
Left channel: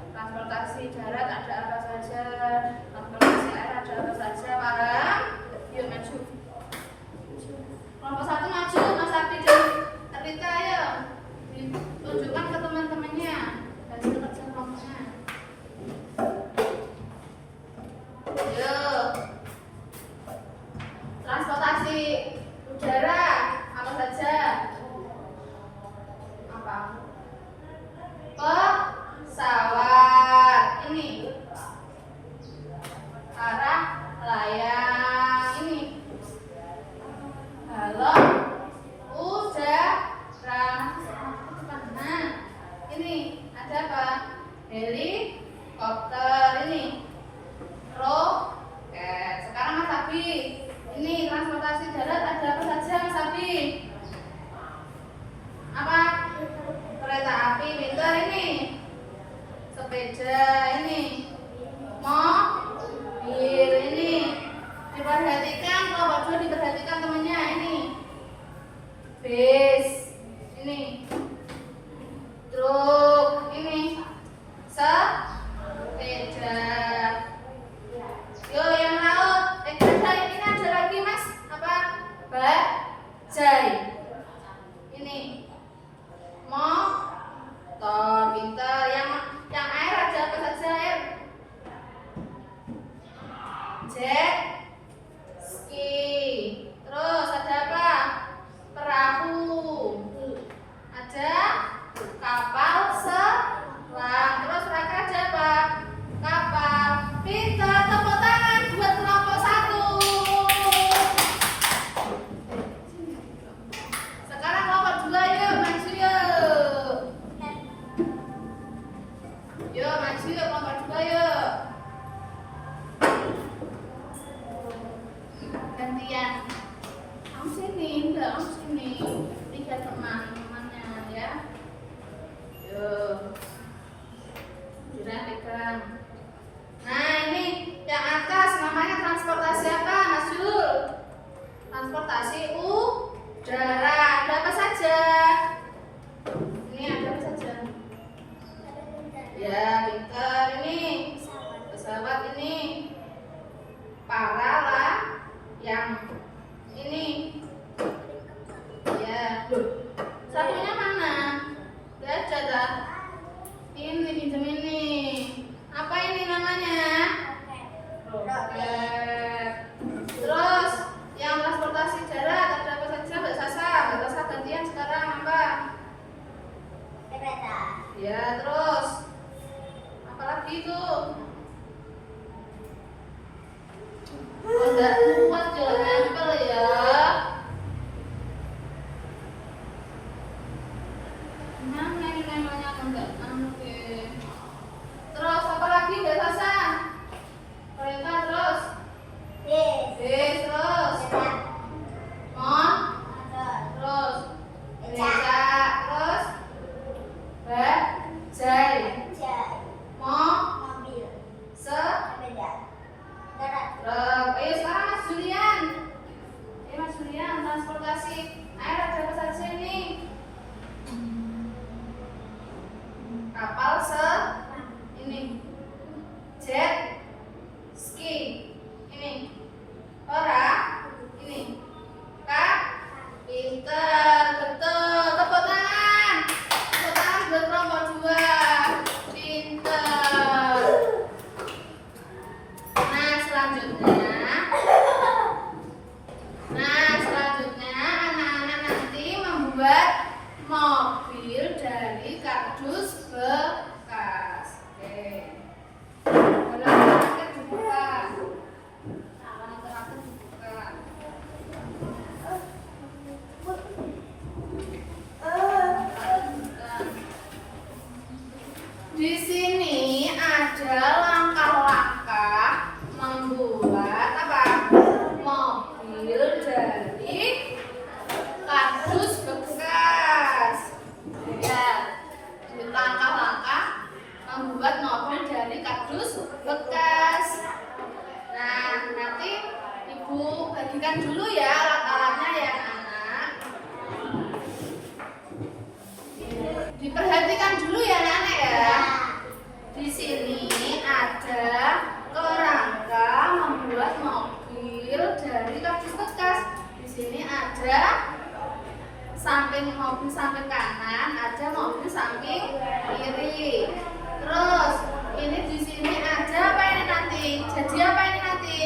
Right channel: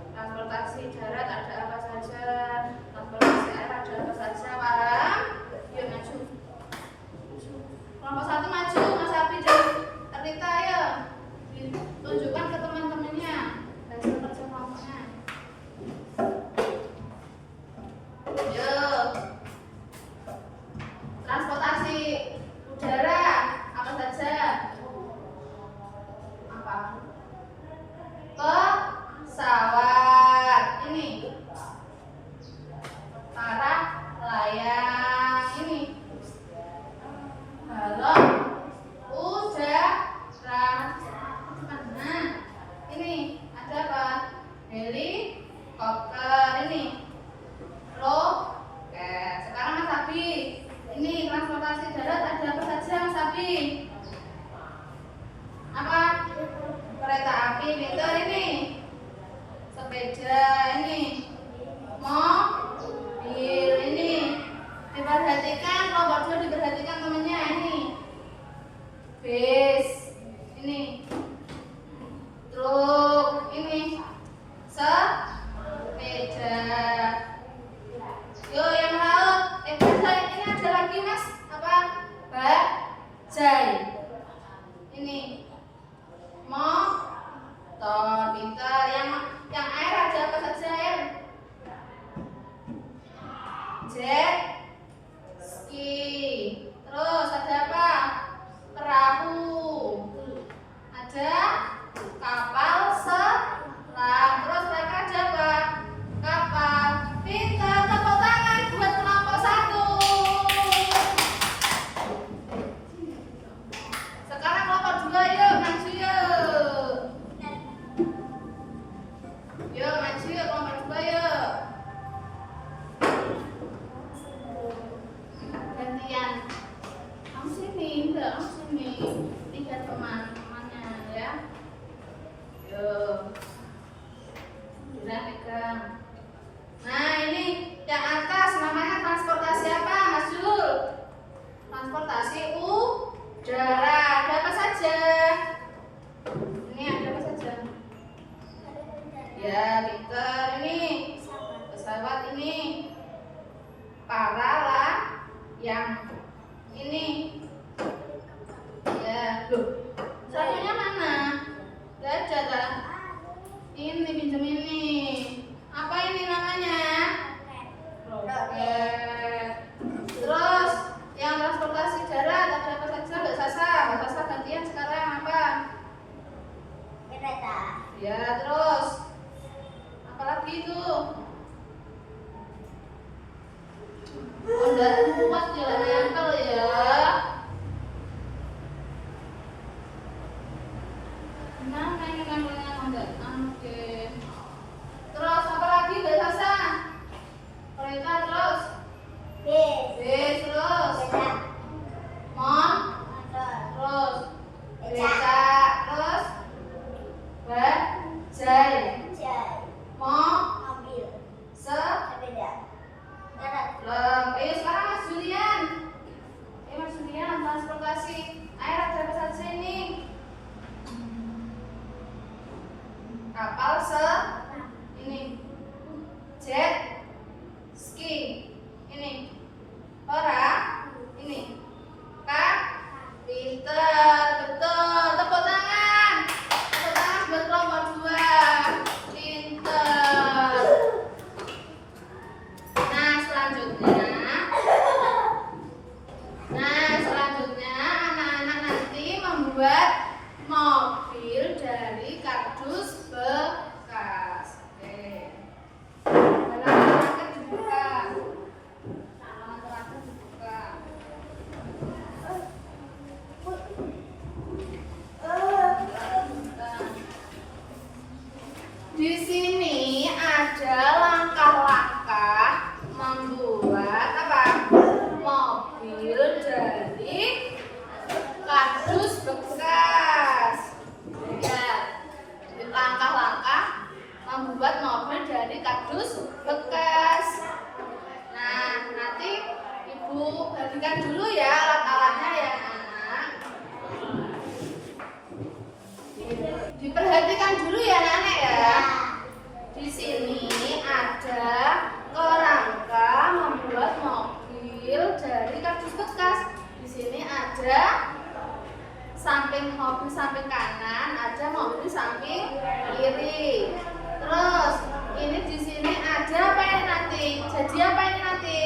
Transportasi darat ada apa saja? Transportasi air ada apa saja? Paham? Yuk maju. Kelompok 1 maju, Mas Abi dan Rita ayo. Tunjukkan ke teman-temannya hasil kerja kelompoknya. Yuk. Transportasi udara apa saja? Apa? Pesawat. Ini. Para layang. Ini. Balon udara. Nah, ini ada apa? Helikopter. Ini roket. Sekarang Mas Abi, ini transportasi darat ada apa saja Mas Abi? Apa? Kereta api, pintar ini. Sepeda ini. Mobil ini. Diperhatikan kelompok 2, diperhatikan temennya ini. Bis ini. Truk ini. Sepeda. Yuk yang laut. Ini ada lagi Mas. Apa? Bajai. Ini. Motor, pintar. Yang air ada apa saja air? Jet ski. Terus ada apa? Perahu. Ada kapal selam. Terus mereka ada apa? Kapal. Pintar, tepuk tangan buat kelompok 1. Sekarang kelompok 2 yuk maju yuk. Yuk maju yuk kelompok 2 yuk. Gantian. Kamu sini, enggak kamu sini. Lihat teman-temannya ya. Yuk. Sudah pegang. Nah ini yang atas namanya transportasi apa Mas Jul? Transportasi udara. Ada apa saja? Ini ada apa saja? Ya, pintar ini. Pesawat ini. Para layang. Ini. Ya, loh. Satunya mana? Gak ada dah. Ini pinjam ini. Apa ini namanya? Roket. Terus yang transportasi darat ada apa saja Mbak Sasa? lagi tuh. Oh, enggak kuat jalan nempel ya. Mana ini nempelnya? Enggak. Oke. Terus apa lagi udah selesai? Perintah terus. Bis terus. Mon. Terus. Beca terus. Bajai. Mo. Se. Ayo sekarang Mas Julian. Ayo Mas Julian, transportasi. Ayo ada apa saja ini? Kapal ini. Jet ski. Ini. Ora. Ini. Kak. Pinter, betul. Tepuk tangan. Tepuk tangan buat kelompok 2. Pinter. Selanjutnya anak-anak nanti membuat mobil dari kardus bekas. Oke. Halaman terakhir dibuka. Halaman terakhir dibuka. Di sini ada langkah-langkah membuat apa? Mobil dari kardus bekas. Ya, langkah-langkah membuat mobil dari kardus bekas. Nah, nanti Ibu bagikan dulu ya alat-alatnya ya, anak. Diperhatikan dulu ya, anak ya. Di sini ada kerangka membuat mobil dari kardus bekas. Di sini ada samping mobil samping kanan, ada mobil samping kiri. Terus ini di sini ada apa ini nanti? Jadi apa ini nanti?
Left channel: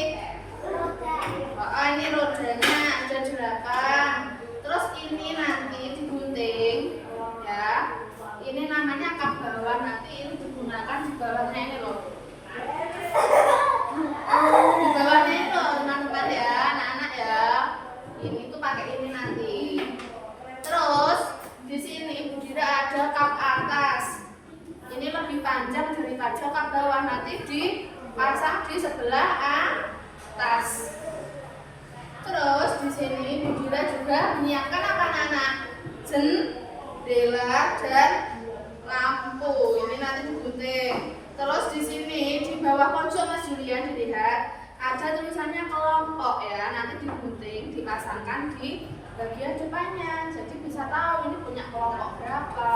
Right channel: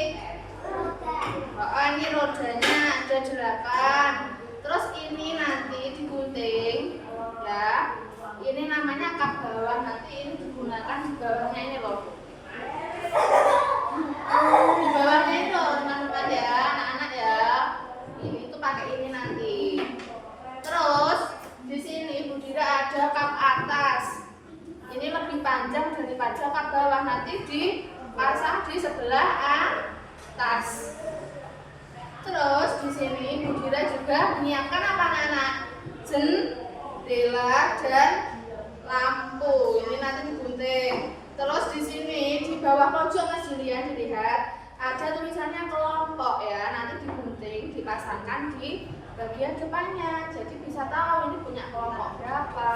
Oh, ini rodanya ada 8. Terus ini nanti digunting ya. Ini namanya kap bawah, nanti ini digunakan di bawahnya ini loh. Di bawahnya ini loh teman-teman ya, anak-anak ya. Ini tuh pakai ini nanti. Terus di sini Ibu Dira ada kap atas. Ini lebih panjang daripada kap bawah, nanti dipasang di sebelah atas. Terus di sini Ibu Dira juga menyiapkan apa anak-anak? Jendela dan lampu. Ini nanti digunting. Terus di sini di bawah pojok Mas Julian dilihat ada tulisannya kelompok ya. Nanti digunting, dipasangkan di bagian depannya. Jadi bisa tahu ini punya kelompok berapa.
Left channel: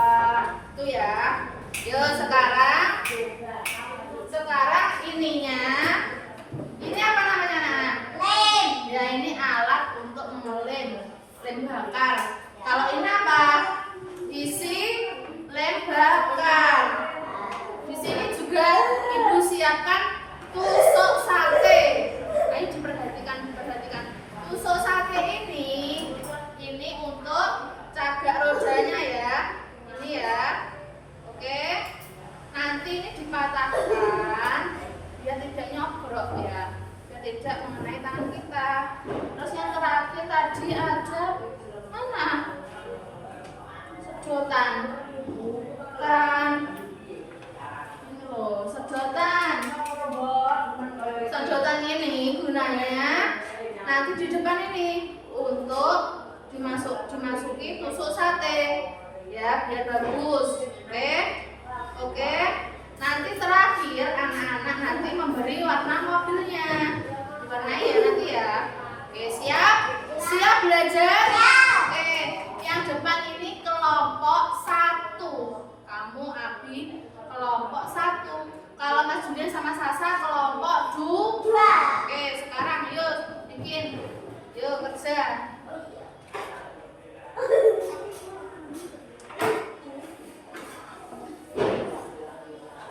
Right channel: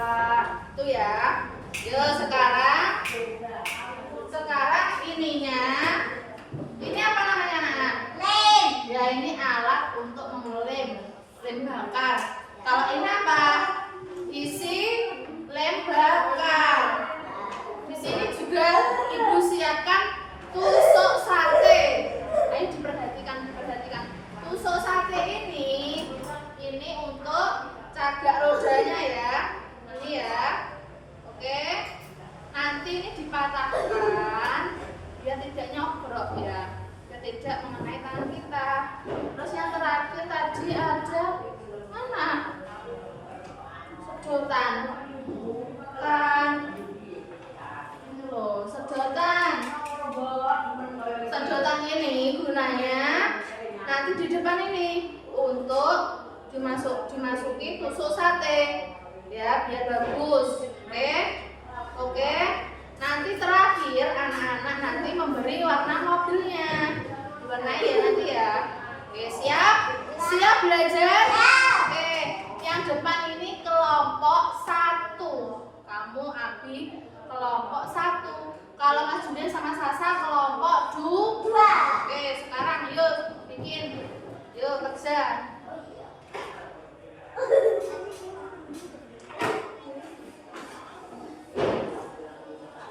Itu ya. Yuk sekarang ininya. Ini apa namanya anak? Lem. Ya ini alat untuk mengelem, lem bakar. Kalau ini apa? Isi lem bakar. Di sini juga Ibu siapkan tusuk sate. Ayo diperhatikan. Tusuk sate ini untuk cagak rodanya ya. Ini ya. Oke. Nanti ini dipatahkan biar tidak nyogrok ya. Biar tidak mengenai tangan kita. Terus yang terakhir tadi ada mana? Sedotan. Bukan. Ini loh, sedotan. Sedotan ini gunanya nanti di depan ini untuk dimasuki tusuk sate. Ya, biar bagus. Oke. Nanti terakhir anak-anak nanti memberi warna mobilnya. Diwarnai ya nanti ya. Oke, siap? Siap belajar? Oke. Yang depan ini kelompok 1. Kamu Abi kelompok 1. Kalau Mas Julian sama Sasa kelompok 2. Oke, sekarang yuk bikin. Yuk kerja.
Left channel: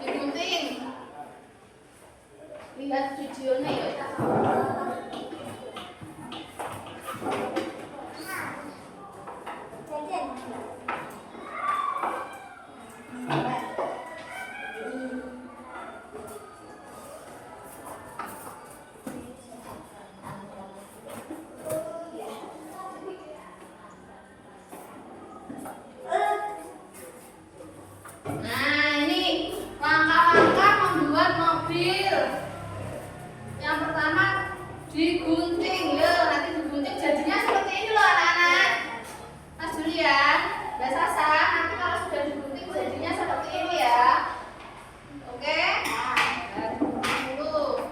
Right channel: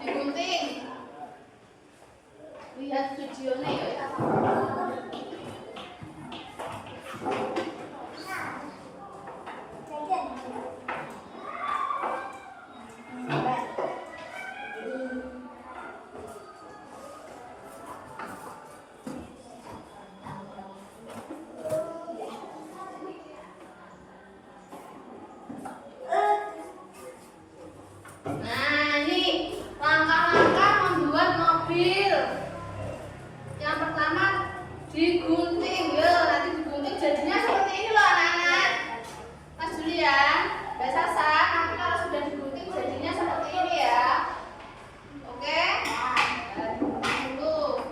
Digunting. Lihat videonya ya. digunting ya, nanti digunting jadinya seperti ini loh anak-anak. Mas Julian, Mbak Sasa, nanti kalau sudah digunting jadinya seperti ini ya. Oke? Nah, digunting dulu.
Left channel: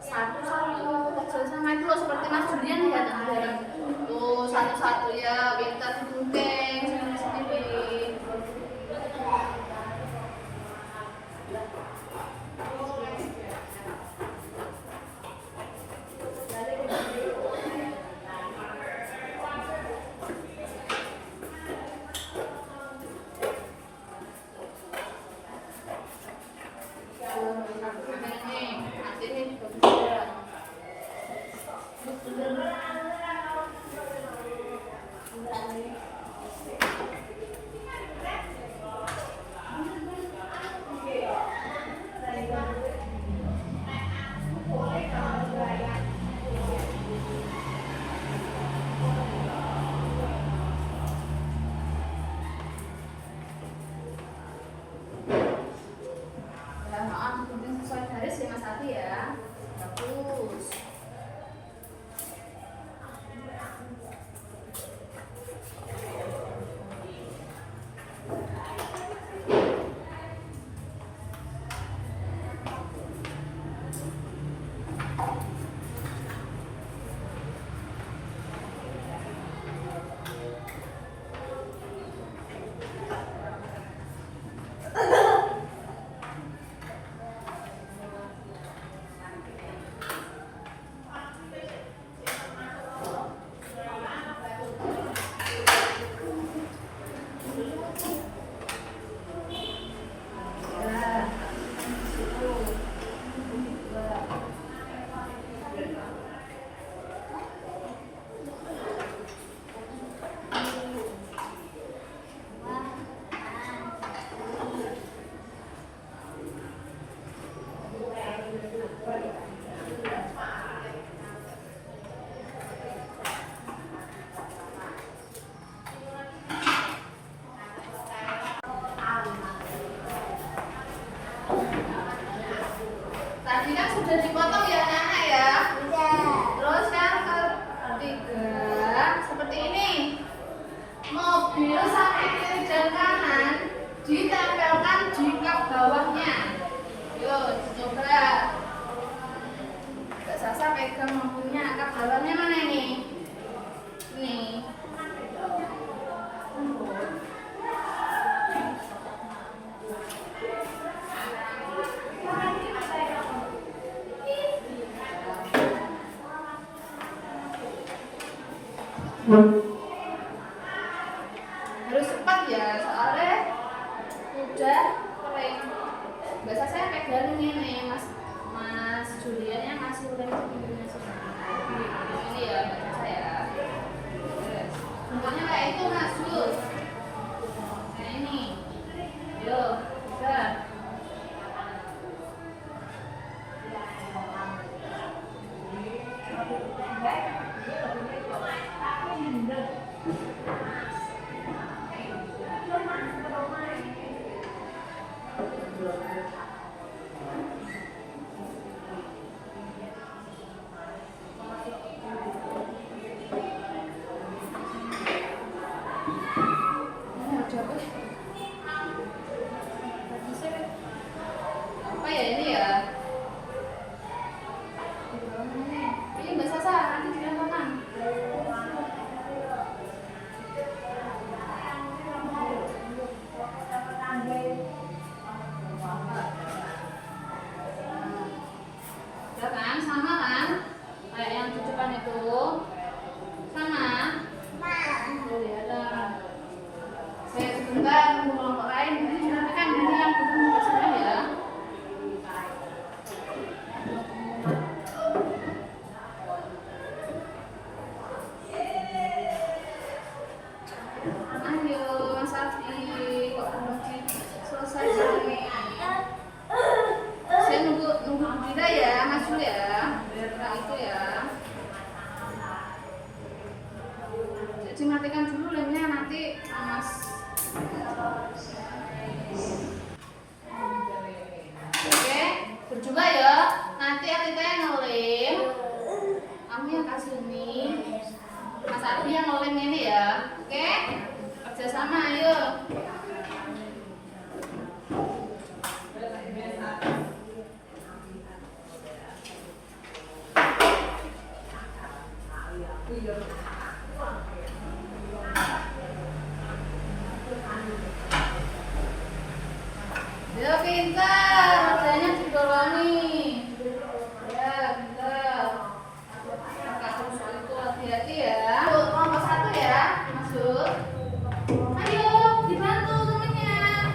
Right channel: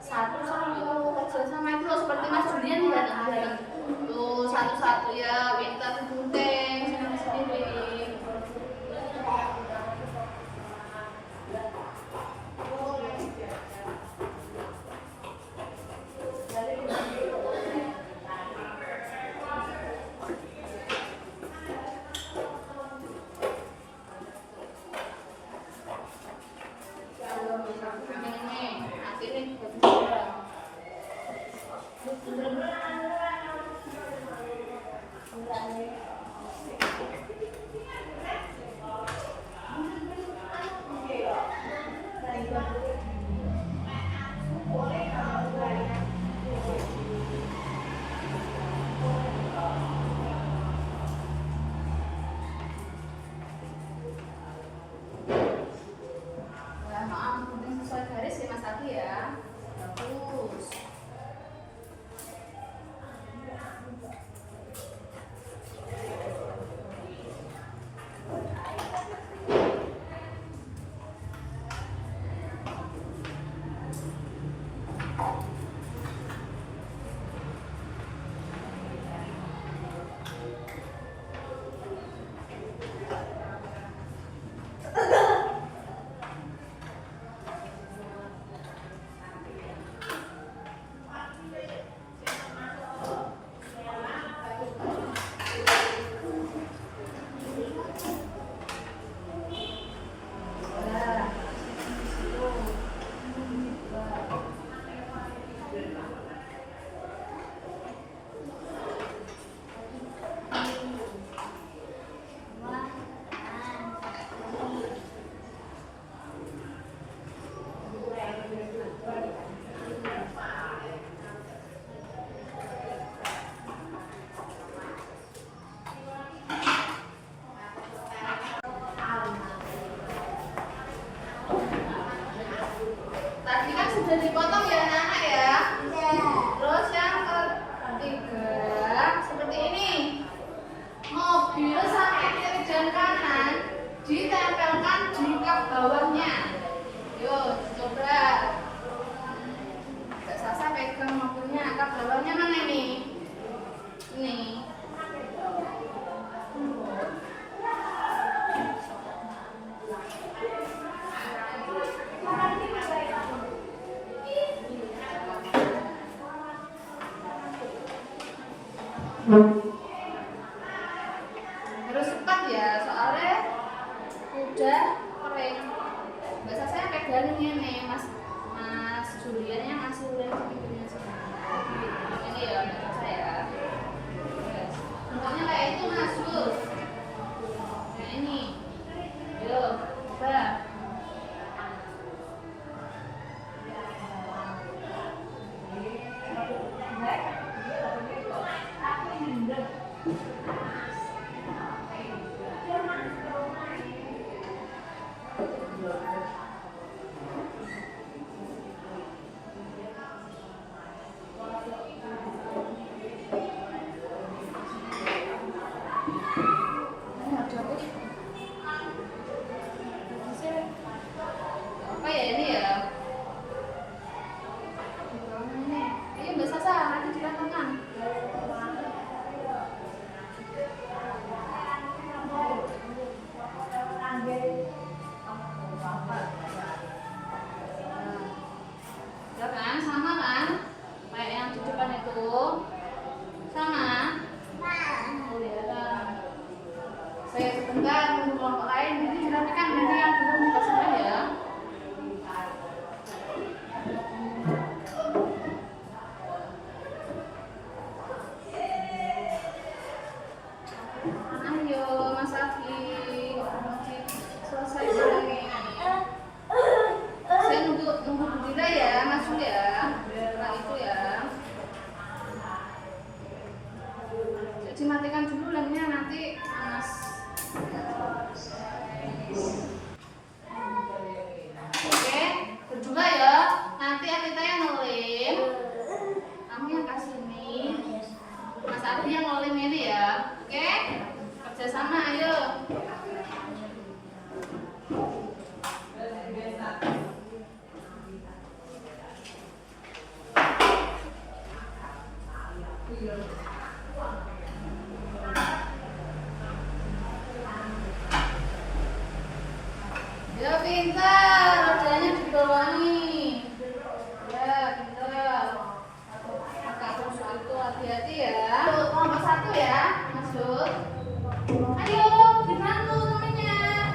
Satu-satu kecil sama itu loh, seperti Mas Julian di datang. Tuh satu-satu ya, biar kita digunting sendiri-sendiri. Nanti nih juga. Maaf, penting sesuai garis ya Mas Adi ya. Bagus. Tadi kan sudah dipotong ya anak-anak ya. Terus yang ketiga seperti ini. Mobil samping kiri dan kanan ditempelkan di kap bawahnya. Yuk, coba. Mbak Sasa pegang mobilnya, kap bawahnya mana ini? Ini. Harus cepat ya, soalnya udah kering. Biasa saya pegangin ini, Mas Julian yang masih udah pintunya ini ya, Mbak saya. Bentuknya kayak itu Mas Jul. Kayak ini. Yuk, coba. Apa ya ini ya? Ini Mbak Sasa, nanti di tangan. Ya kan, sama kan? Kayak yang tutupan itu. Sama. Oh ya ada. Saya sebentar nunggu kelompok lain, ini dirapikan nanti yang belum kesana ya. Ayo Mas Afi, kok belum selesai lagi? Saya nunggu Budira ya, Mas Jul ya, biar Pak itu ya. Jadi matikan dulu lainnya nanti kerjasama, ayo. Ya pintar, rodanya dibolongi. Ya pintar. Kakak terus itu hati-hati ya. Kelompok 1 ya, masuk. Ayo dibantu temennya.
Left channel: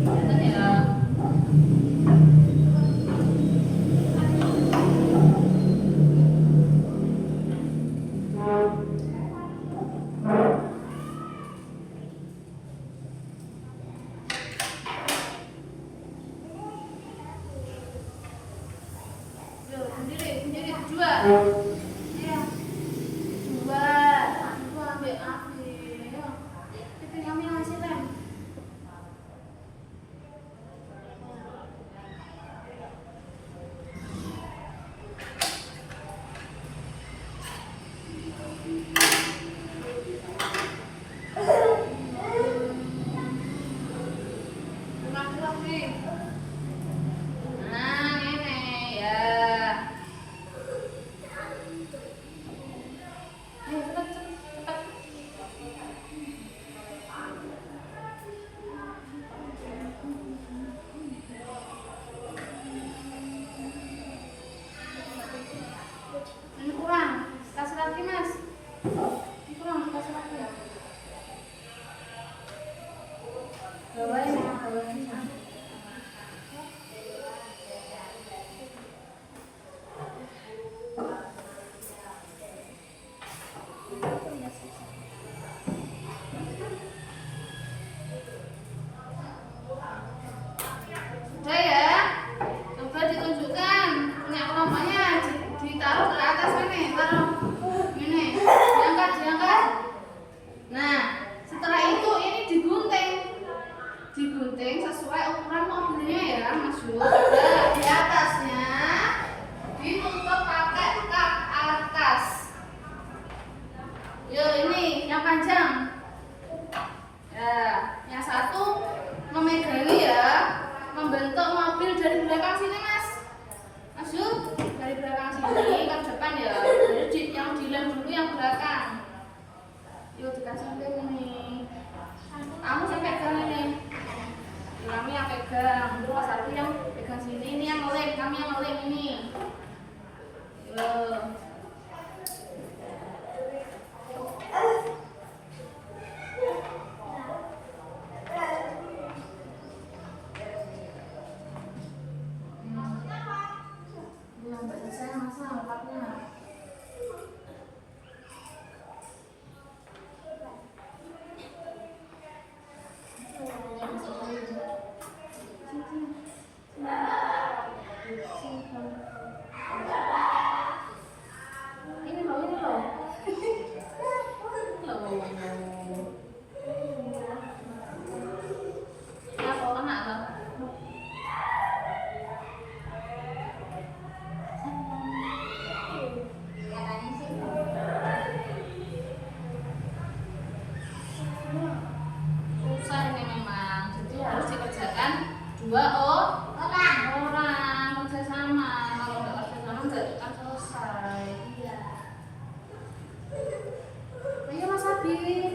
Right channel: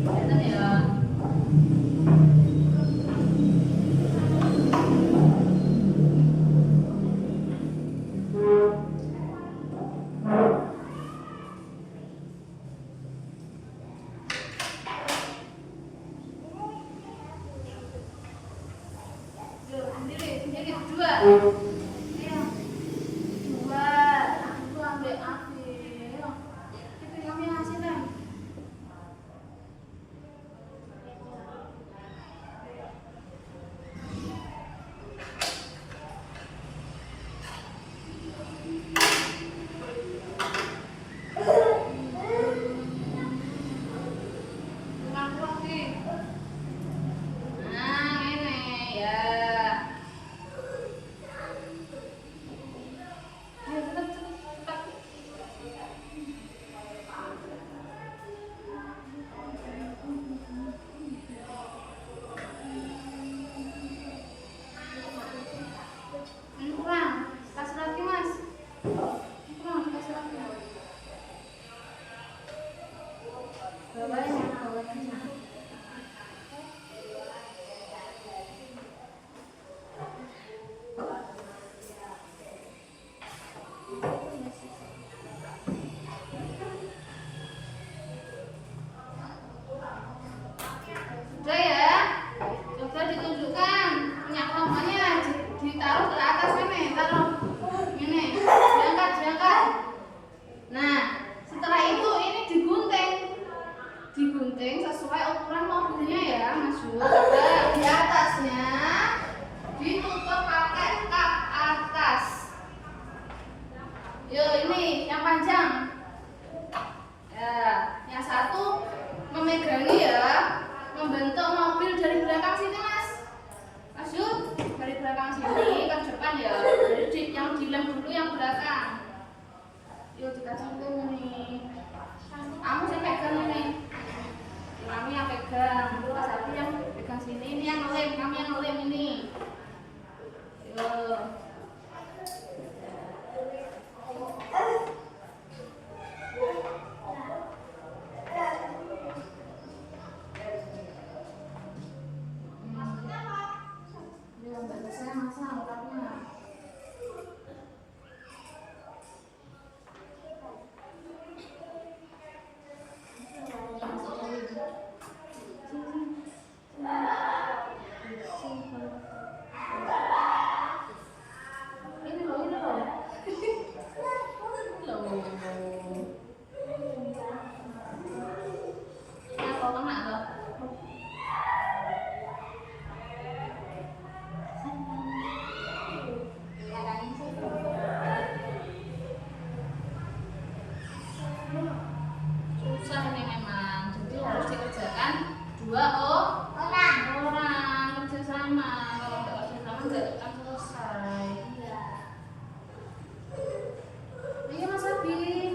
Kelihatan ya. Sendiri dua. Ayo. Dua. Aku ambil api. Ayo. Itu kamu yang ngasih lem. Kurang kuat nih. Nah, ini ya. Ayo cepat cepat. Ini kurang. Kasih lagi mas. Ini kurang kasih lagi. Bawain ya, bawain ya. Sudah ya, coba ditunjukkan punya kelompoknya, ditaruh ke atas ini, taruh ini, diangkat. Nah, setelah itu ini digunting sesuai ukuran mobilnya ya, masuk. Nah, di atasnya ditutup pakai kap atas. Yuk ini yang panjang. Ya, yang satu memegangi ya, membentuk mobil dari belakang sini mas. Masuk dari belakang sini ke depan ya. Jadi yang dilem dulu yang belakang. Yuk dikasih lem ini. Kamu yang pegang ini. Kamu yang pegang. Terus satu yang pegang sini. Ini yang ngelem. Kamu yang ngelem ini. Yuk. Saya masa angkatnya. Ini loh. Ya kok kena loh. Susah ini memang, jadi harus dikerjakan 2 orang kerjasama. Kalau nggak kerjasama nggak akan selesai. Ayo Mas Abi.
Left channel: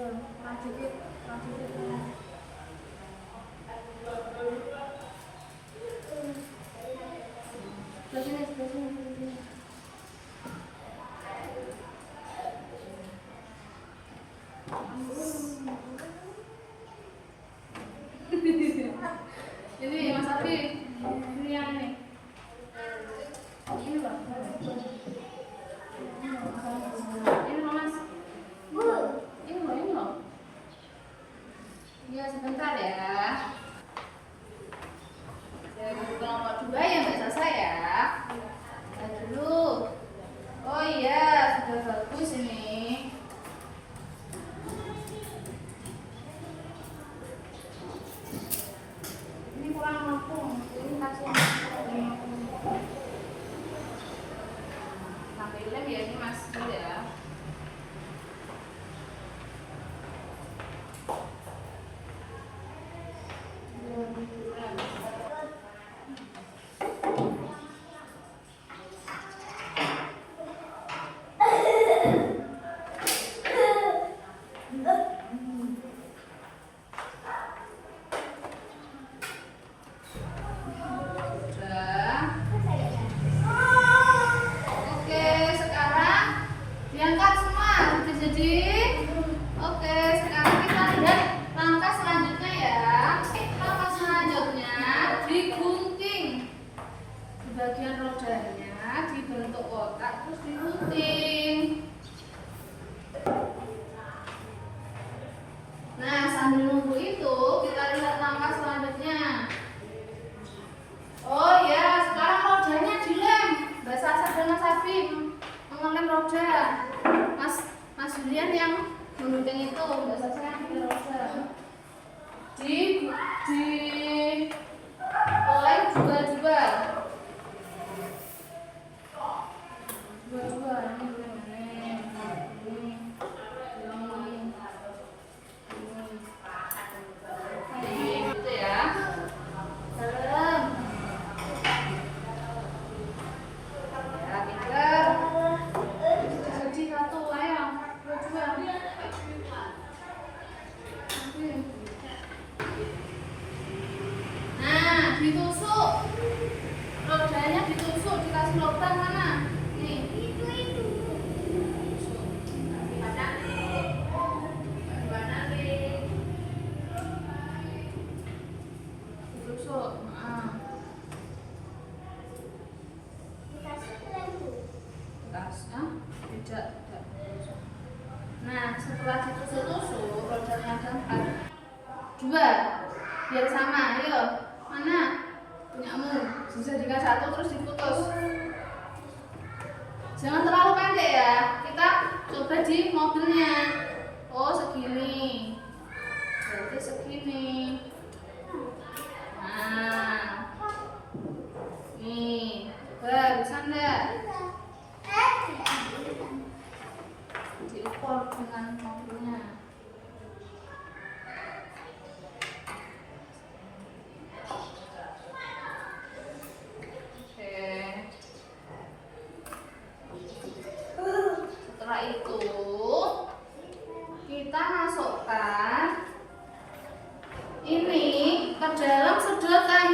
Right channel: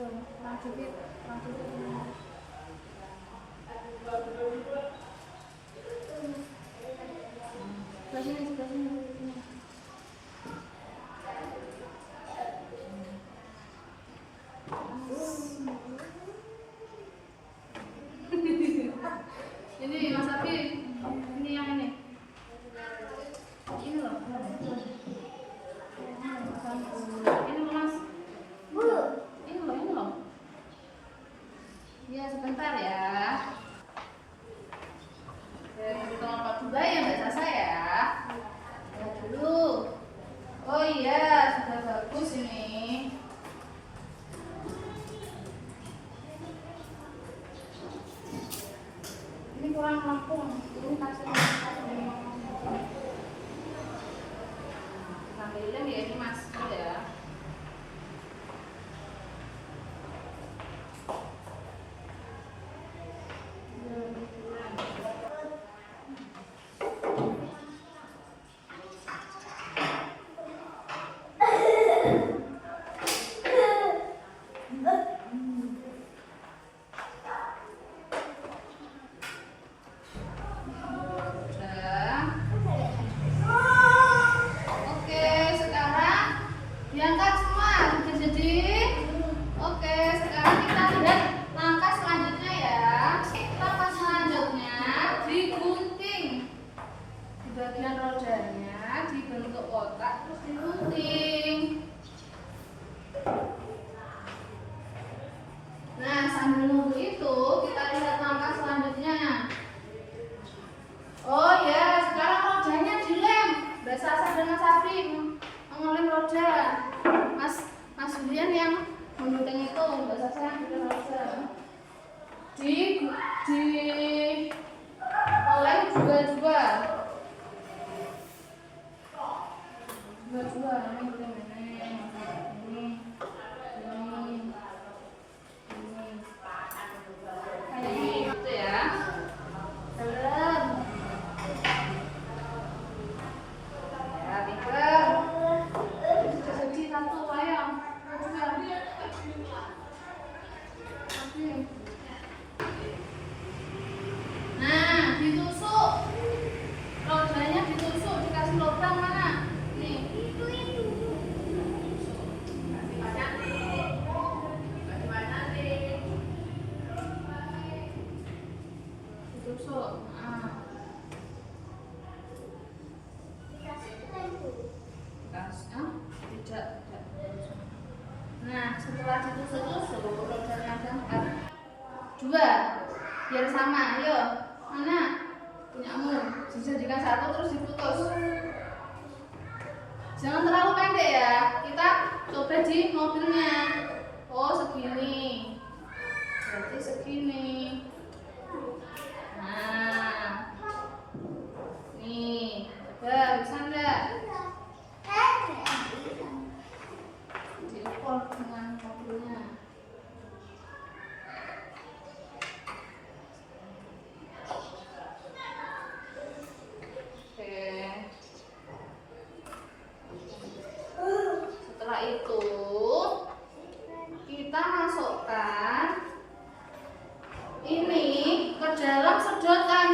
Lanjut dikit. Sebelah sini. Ini Mas Abi, ini yang ini. Ini loh. Ini loh Mas. Ini loh. Ya sebentar ya. Saya beri kelompok 2 ya Mbak Sasa ya. Lihat dulu. Oh iya, sudah bagus ini. Ini kurang rampung. Ini kasih sampai lem ya ini Mas. Ya. Diangkat semua, jadi oke, sekarang kita lihat langkah selanjutnya ya. Langkah selanjutnya digunting di bagian rodanya, dibentuk kotak terus digunting. Nah, sambil nunggu itu kita lihat langkah selanjutnya. Oh ya, sekarang rodanya dilem. Mbak Sasa dan Mas Abi mengelem roda. Mas Julian yang menggunting itu, Mbak Sasa yang di roda. Lem juga. Ini gitu ya. Dalam. Ya, pinter. Jadi satu, ayo. Dua. Nah, ditusuk. Rodanya ditusuk, dikasih lubang mana? Nih. Ditusuk. Tidak. Nah, setelah ditusuk-tusuk, rodanya ada 4. 2. Biar sama, ayo. Mana? Punyamu. Dijadikan 1 terus diputus. Jangan terlalu pendek ya. Kita coba di mobilnya. Oh, segini. Berarti segini. Nah. Nih. Bisa enggak? Diukur dengan mobilnya. Setelah itu kita masukkan ini ke dalam sedotan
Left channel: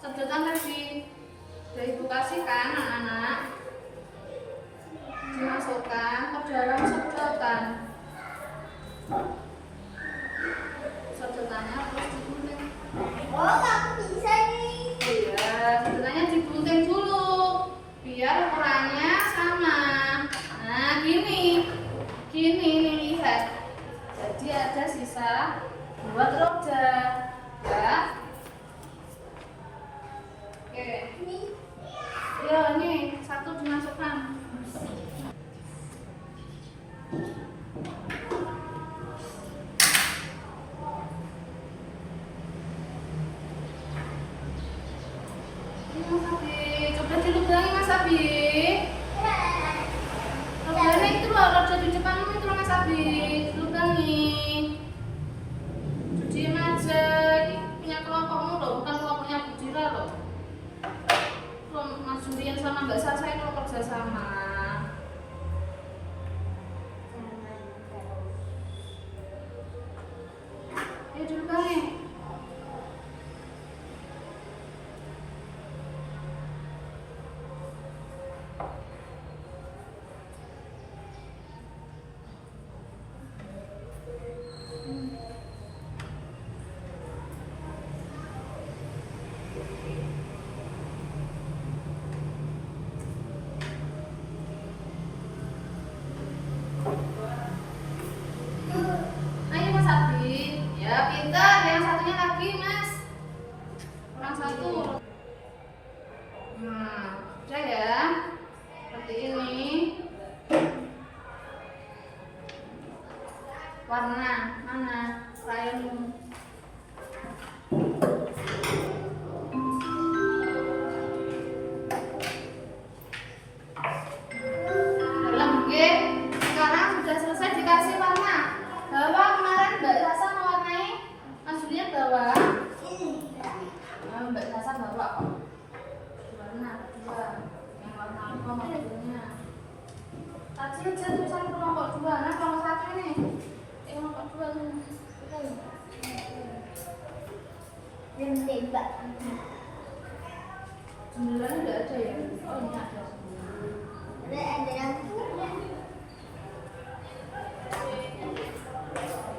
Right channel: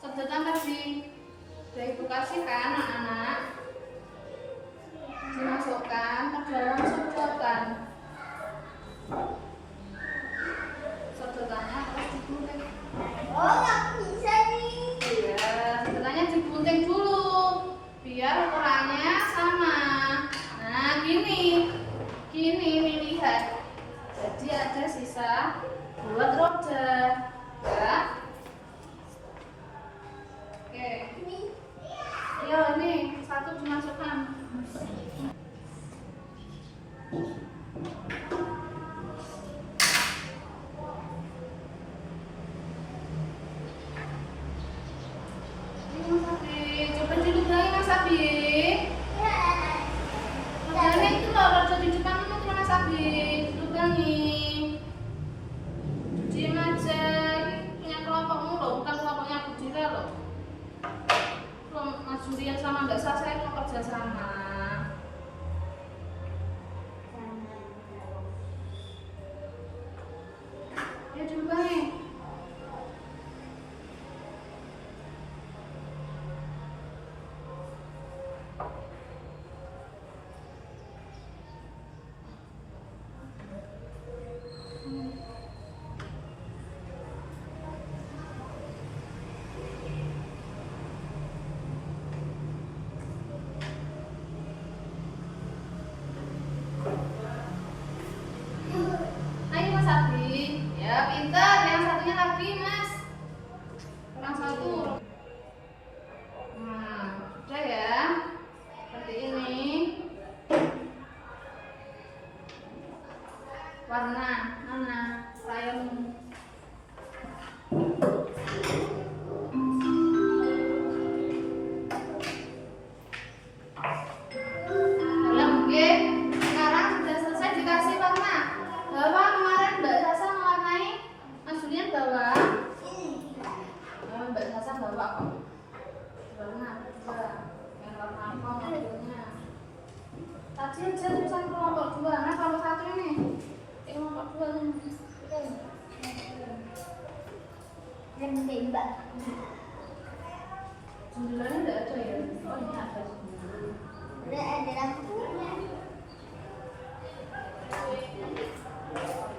tadi sudah ibu kasihkan anak-anak, dimasukkan ke dalam sedotannya terus digunting. Oh, nggak bisa nih. Iya, sedotannya digunting dulu biar ukurannya sama. Nah, gini nih lihat. Jadi ada sisa buat roda, ya. Oke. Ya, nih 1 dimasukkan. Ini Mas Abi, coba dilubangi Mas Abi. Lubangnya itu loh, roda di depanmu itu loh Mas Abi, dilubangi. Diam aja, ini punya kelompokmu loh, bukan kelompoknya Budira loh. Mas Julian sama Mbak Ayo Mas Abi, ya pintar. Yang satunya lagi Mas, kurang satu. Nah, udah ya, seperti ini. Warna mana rayonmu? Dalam G. Sekarang sudah selesai dikasih warna. Bawah kemarin Mbak Sasa mewarnai Mas Julian bawah. Ya, Mbak Sasa bawa kok. Warna kedua. Yang warna apa mobilnya? Tadi aja tulisan kelompok 2. Nah, kelompok 1 ini. Kelompok 2 ini. Dan tembak. Sembilannya enggak ada ya? Oh, ini ada. Ada lampunya.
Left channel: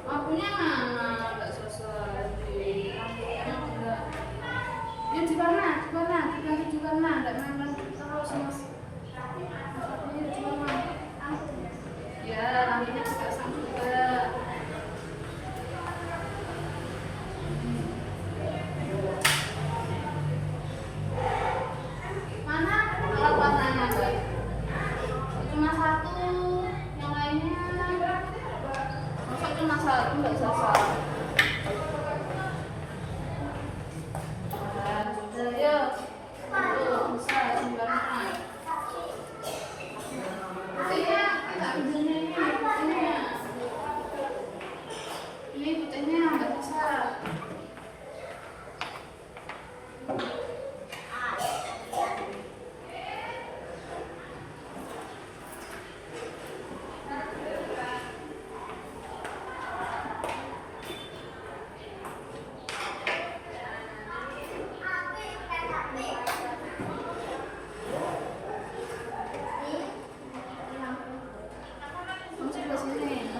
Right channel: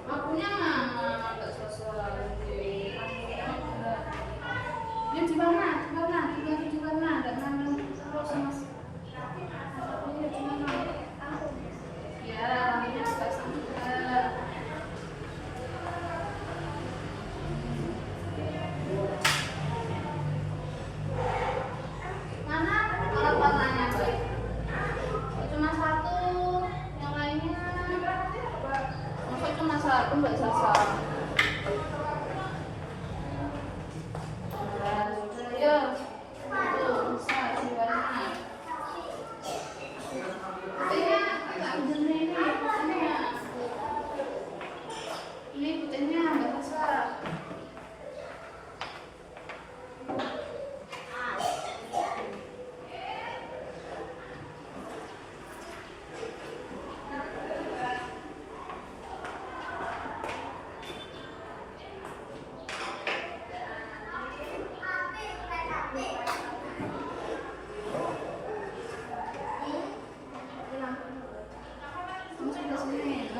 Lampunya mana? Enggak selesai. Lampunya enggak. Ya di mana? Diganti di mana? Enggak nandang terus Mas. Ya di mana? Ya, lampunya dipasang juga ya. Mana alat warnanya, Mbak? Cuma satu, yang lainnya. Masa cuma satu, Mbak Sasa? Nah, sudah ya. Tuh, bisa simpannya. Putihnya agak benernya ini, putihnya. Ini putihnya Mbak Sasa. Masuk ke sini.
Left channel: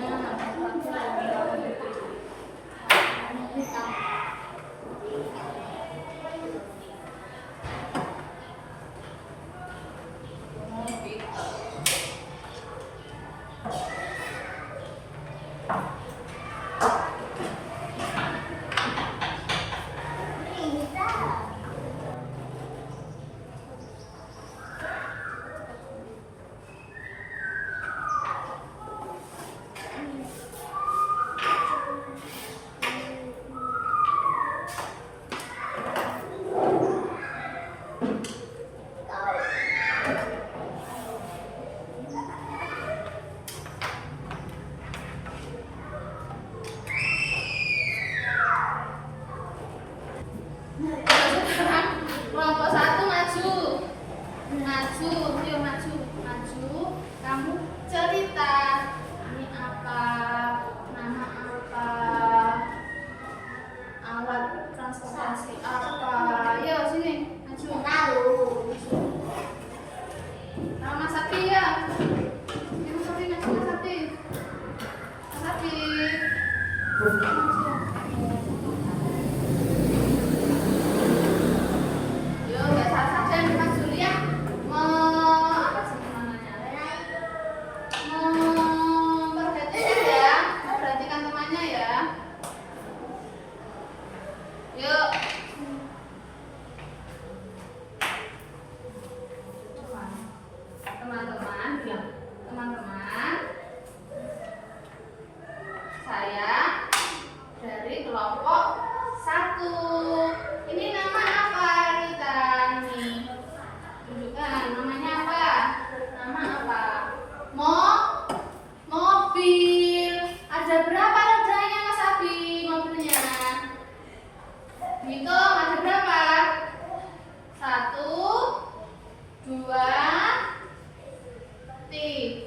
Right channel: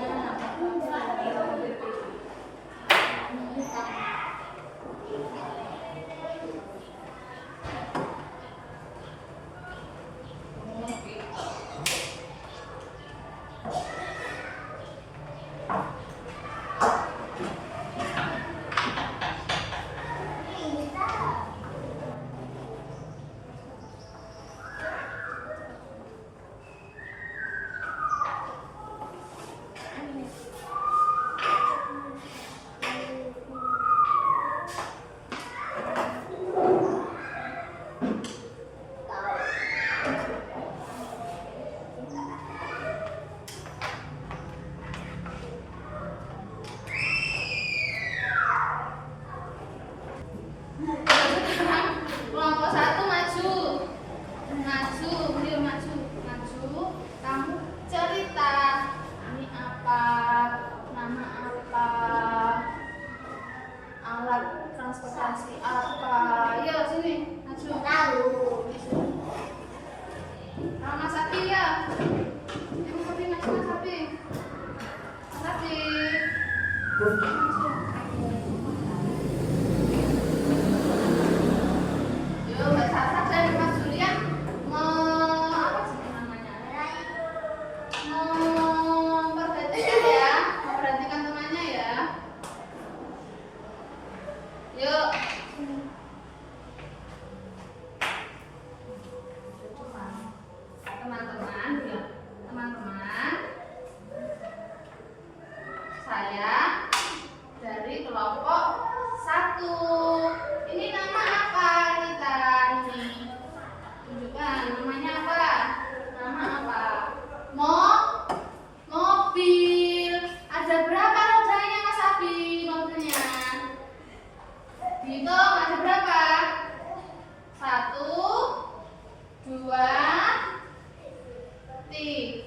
Nah, sekarang kelompok 1 maju. Yuk maju. Kamu cerita. Ini apa? Nama apa? Alat transportasi apa? Yuk sini, maju. Tahu. Mas Abi ya. Mas Abi maju, Mas Abi. Mas Abi. Maju. Yuk, Mbak Sasa dan Mas Julian apa sih namanya? Memperhatikan temannya ya. Yuk. Teman-teman, saya dari kelompok 1. Ini nama apa kita nih? Tunjukkan namanya apa? Nama apa? Mobil. Ada berapa rodanya Mas Abi mobilnya? Hitung ada berapa? 1, 2, 3,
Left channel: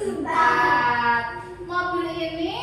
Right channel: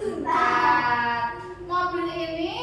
4. Mobil ini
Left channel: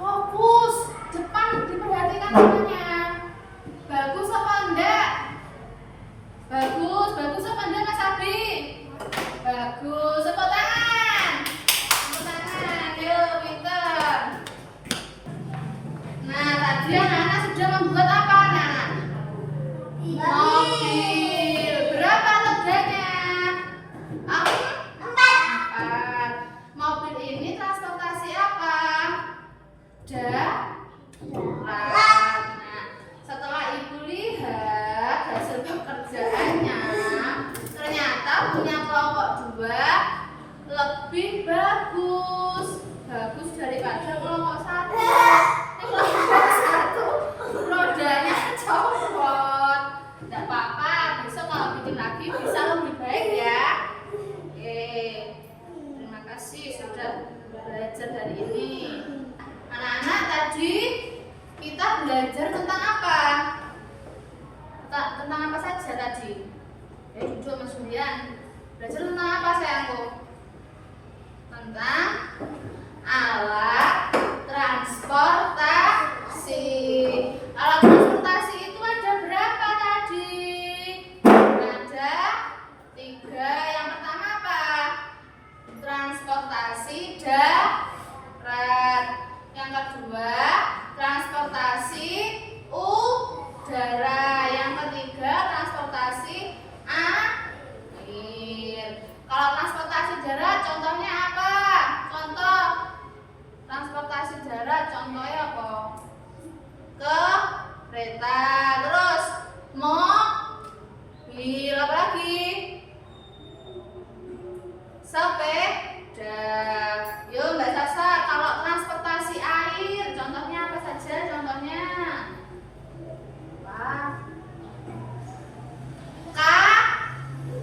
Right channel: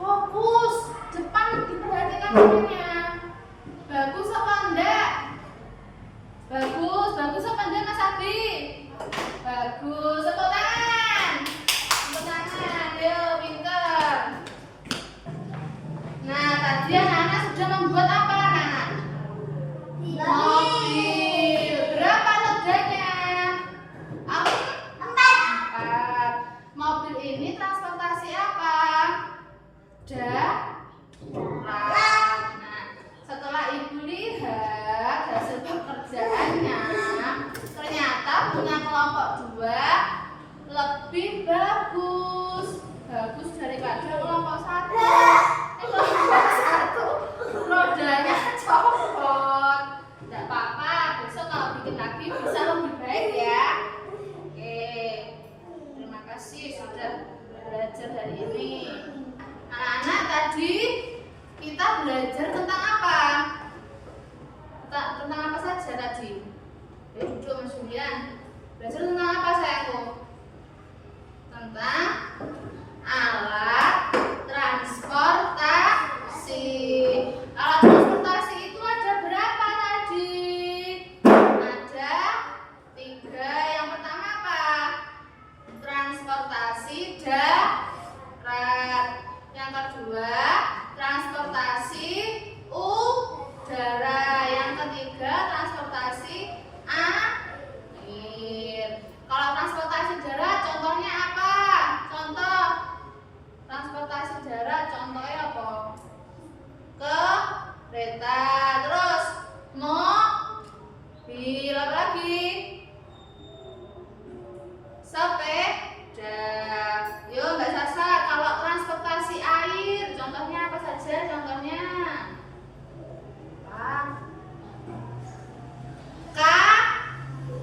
Fokus. Depan diperhatikan semuanya. Bagus apa enggak? Bagus apa enggak Mas Abi? Bagus. Tepuk tangan. Tepuk tangan. Ayo, pintar. Nah, tadi anak-anak sudah membuat apa, anak? Mobil. Berapa leganya? Empat. Mobil ini transportasi apa? Darat. Nah, setelah ibu lihat hasil pekerjaannya, ternyata punya kelompok 2 lebih bagus daripada kelompok 1. Kelompok 1 rodanya copot. Tidak apa-apa, besok kalau bikin lagi bisa lebih baik ya. Oke, terima kasih sudah belajar hari ini. Anak-anak, tadi kita belajar tentang apa? Tentang apa saja tadi? Duduk Mas Julian. Belajar tentang apa sayangku? Tentang alat transportasi. Alat transportasi itu ada berapa tadi? Ada 3. Yang pertama apa? Transportasi darat. Yang kedua, transportasi udara. Yang ketiga, transportasi air. Kalau transportasi darat contohnya apa? Contoh transportasi darat contohnya apa? Kereta. Terus mobil, apa lagi? Sepeda. Yo Mbak Sasa, kalau transportasi air contohnya apa saja? Contohnya apa?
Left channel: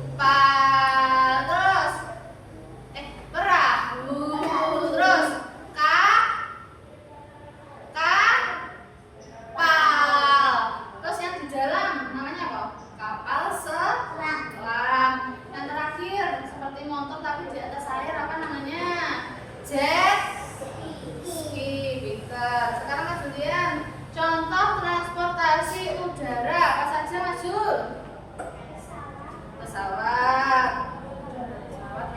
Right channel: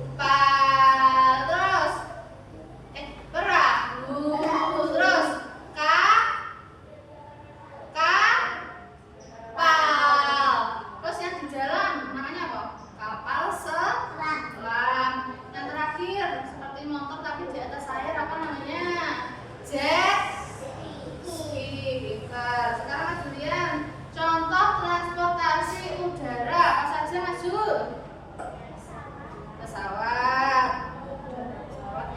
Kapal. Terus perahu. Terus kapal. Terus yang di dalam namanya apa? Kapal selam. Yang terakhir seperti motor tapi di atas air, apa namanya? Jet ski. Pintar. Sekarang Mas Julian, contoh transportasi udara apa saja Mas Jul? Pesawat,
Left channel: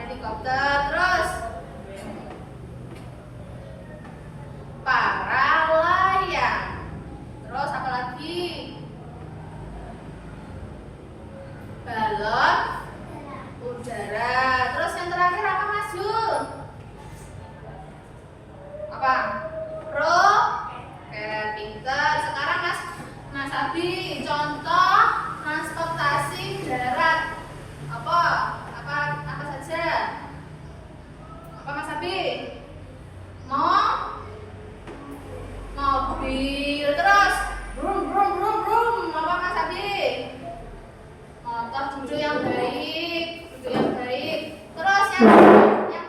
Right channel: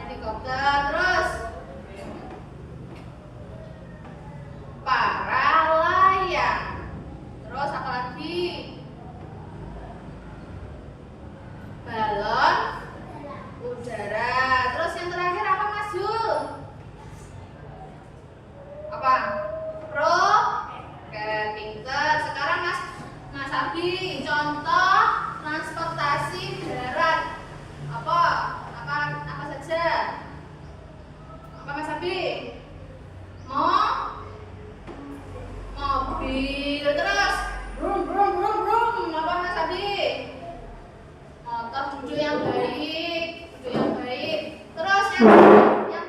helikopter. Terus para layang. Terus apa lagi? Balon udara. Terus yang terakhir apa Mas Jul? Apa? Roket. Pintar. Sekarang Mas Abi, contoh transportasi darat apa saja? Apa Mas Abi? Mobil. Terus brum. Apa Mas Abi? Motor. Duduk yang baik. Terus yang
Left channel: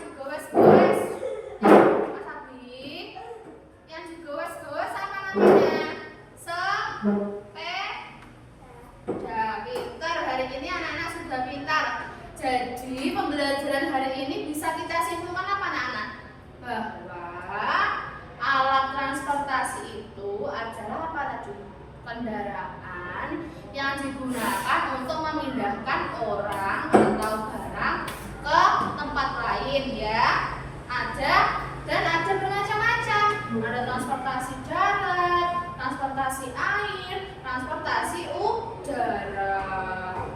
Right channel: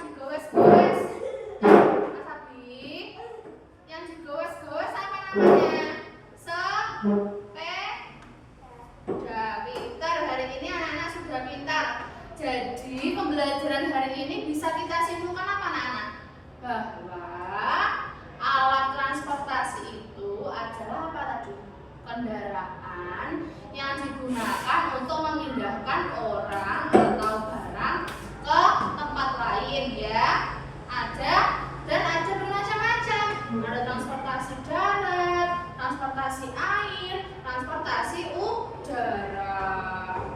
digowes-gowes, Mas Abi, yang digowes-gowes apa namanya? Sepeda. Pintar. Hari ini anak-anak sudah pintar. Jadi pembelajaran hari ini bisa kita simpulkan apa anak-anak? Bahwa alat transportasi itu adalah apa tadi? Kendaraan yang digunakan untuk memindahkan orang atau barang ke tempat lain ya. Ada bermacam-macam. Ada transportasi darat, transportasi air, transportasi udara.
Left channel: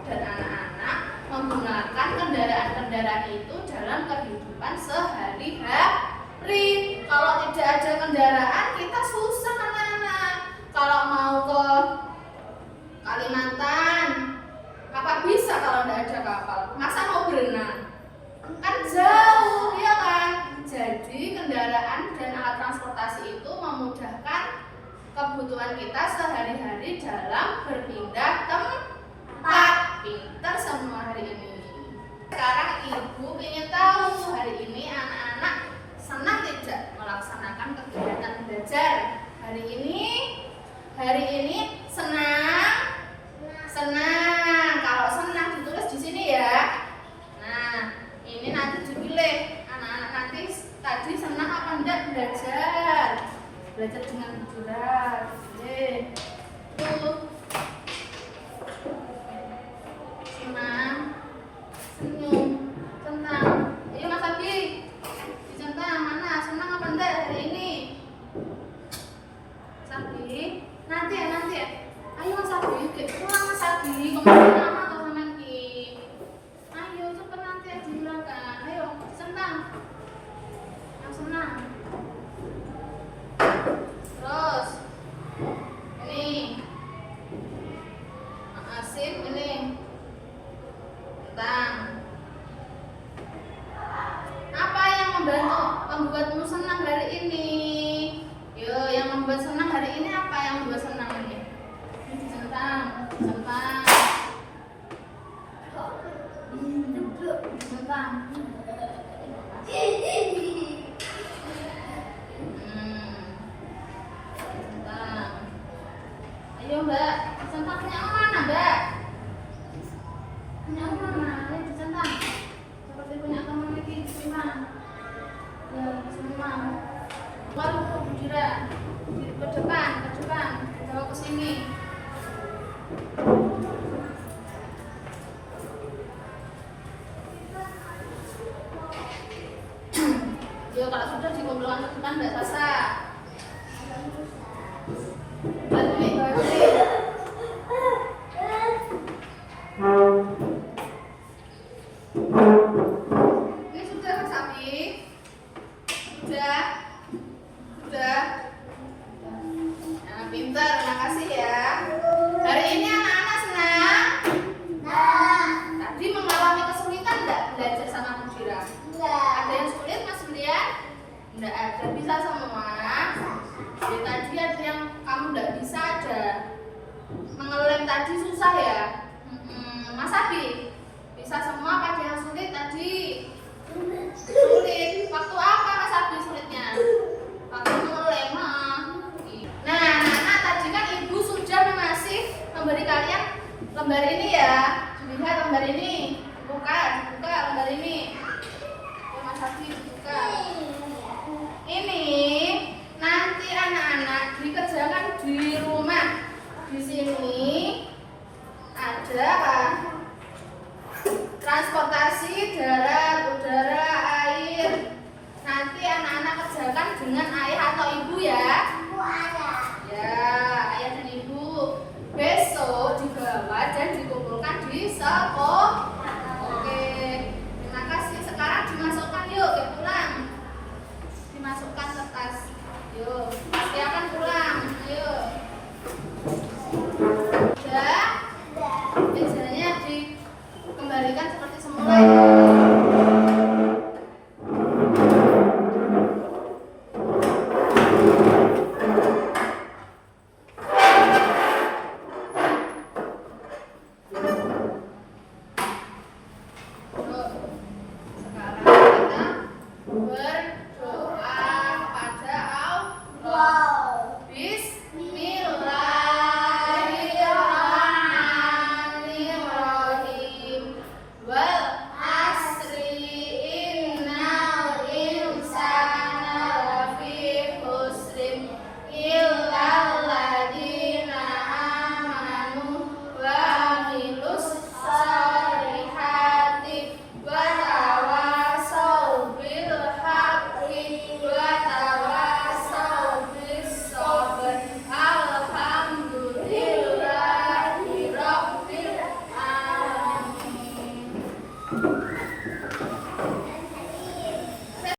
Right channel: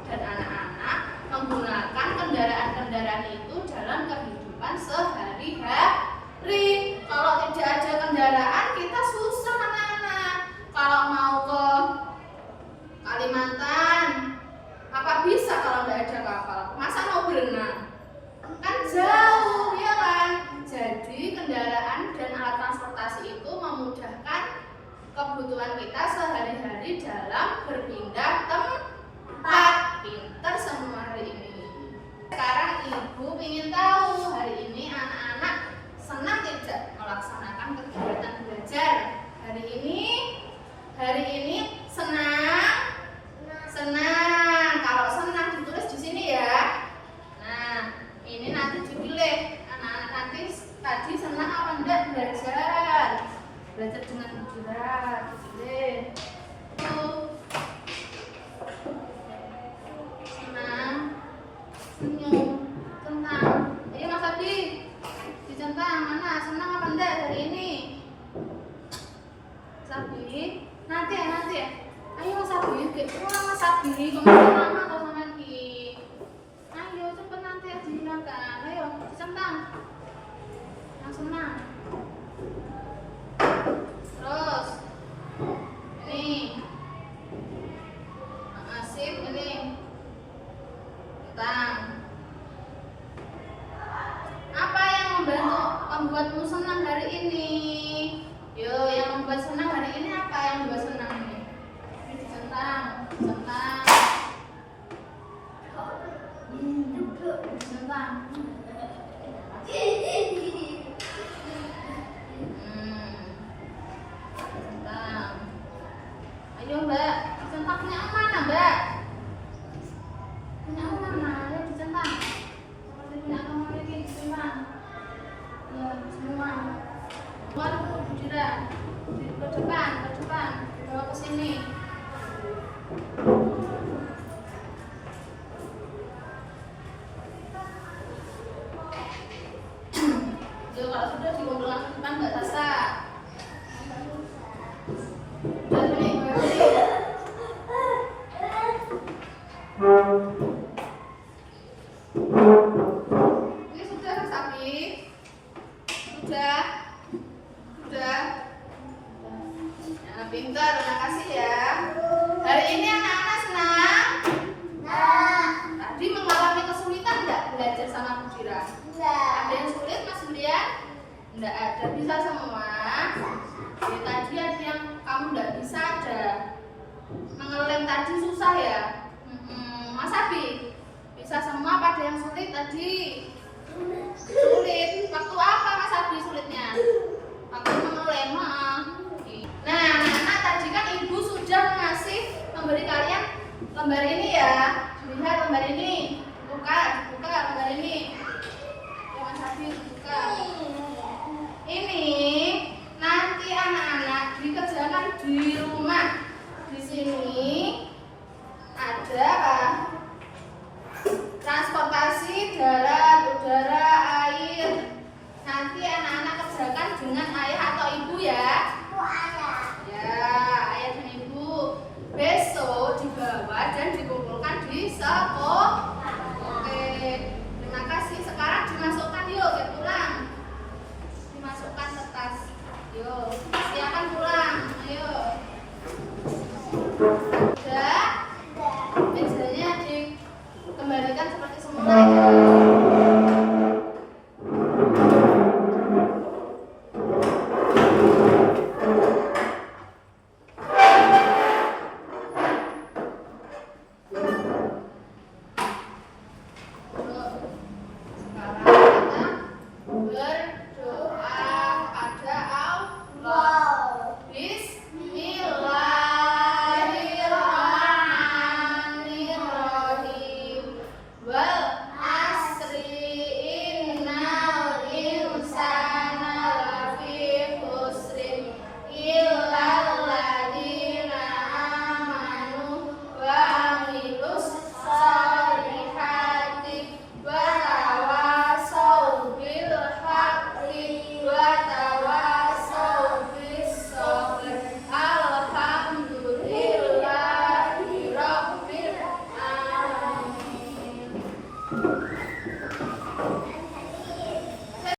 Dan anak-anak menggunakan kendaraan-kendaraan itu dalam kehidupan sehari-hari. Kalau tidak ada kendaraan kita susah anak-anak. Kalau mau ke Kalimantan, apa bisa kalau tidak ada kapal? Masa mau berenang? Kan jauh, ya kan? Jadi kendaraan dan alat transportasi itu memudahkan kebutuhan kita sehari-hari dalam berpindah tempat. Pintar semua hari ini. Sekarang ibu ingin tahu hari ini anak-anak senang tidak melaksanakan kegiatan belajar hari ini? Hari ini senang? Kalau senang ditulis di sini ya. Nah, ini nanti dipilih anak-anak nanti tadi senang apa senyum, senang. Ayo Mas Abi, dicentang mana? Senang apa enggak hari ini? Mas Abi, nanti ya. Ayo Mas Abi, kurang Mas Abi, kemana lama atau sama Ki? Ayo cepet nanti ya dihilangkan. Ayo dicentang, yang senang. Terus, ini, asik ini. Apa yang membuatmu senang hari ini? Yo, yang membuat senang hari ini apa yang membuat senang ini? Centang. Centang. Ayo Mbak, centang punya mana Mbak? Punya mana? Ayo dicentang. Seperti punya kamu ini, terima. Ya, semua. Baru ke Budira. Ke depan. Bawa ke sini. Yo, kalau sudah dikumpulkan ke depan enggak sasa. Balik. Ini sudah Mas Abi? Sudah? Nah, pintar, makasih ya. Hari ini anak-anak senang? Tadi mengalami kesulitan enggak belajar sama Budira? Ada yang sulit Mas Julian? Enggak ada, bisa semua. Ya, tadi ada yang kamu enggak bisa ada. Mengelem tadi susah ya? Mas Abi? Bisa semua apa ada yang sulit tadi? Sulit. Waktu apa Mas Abi sulitnya? Waktu mengelem. Nah, anak-anak tadi kan Ibu sudah masih memberi kalian lembar ini ya. Lihat lembar ini. Buka lembar ini. Ya Mas Abi buka. Ini nanti anak-anak dikerjakan di rumah. Di sini ada apa? Transportasi darat, udara, air. Nanti anak-anak kerjakan dengan ayah atau ibu ya. Ya, ayah dan ibu. Besok dibawa dan dikumpulkan di sekolah. Oke, terima kasih. Sekarang dimasukkan yuk ke pulang. Dimasukkan ke tas. Yuk, silakan pulang. Ayo. Udah? Biasanya dikembalikan seperti semula ya. Alhamdulillahirabbil alamin.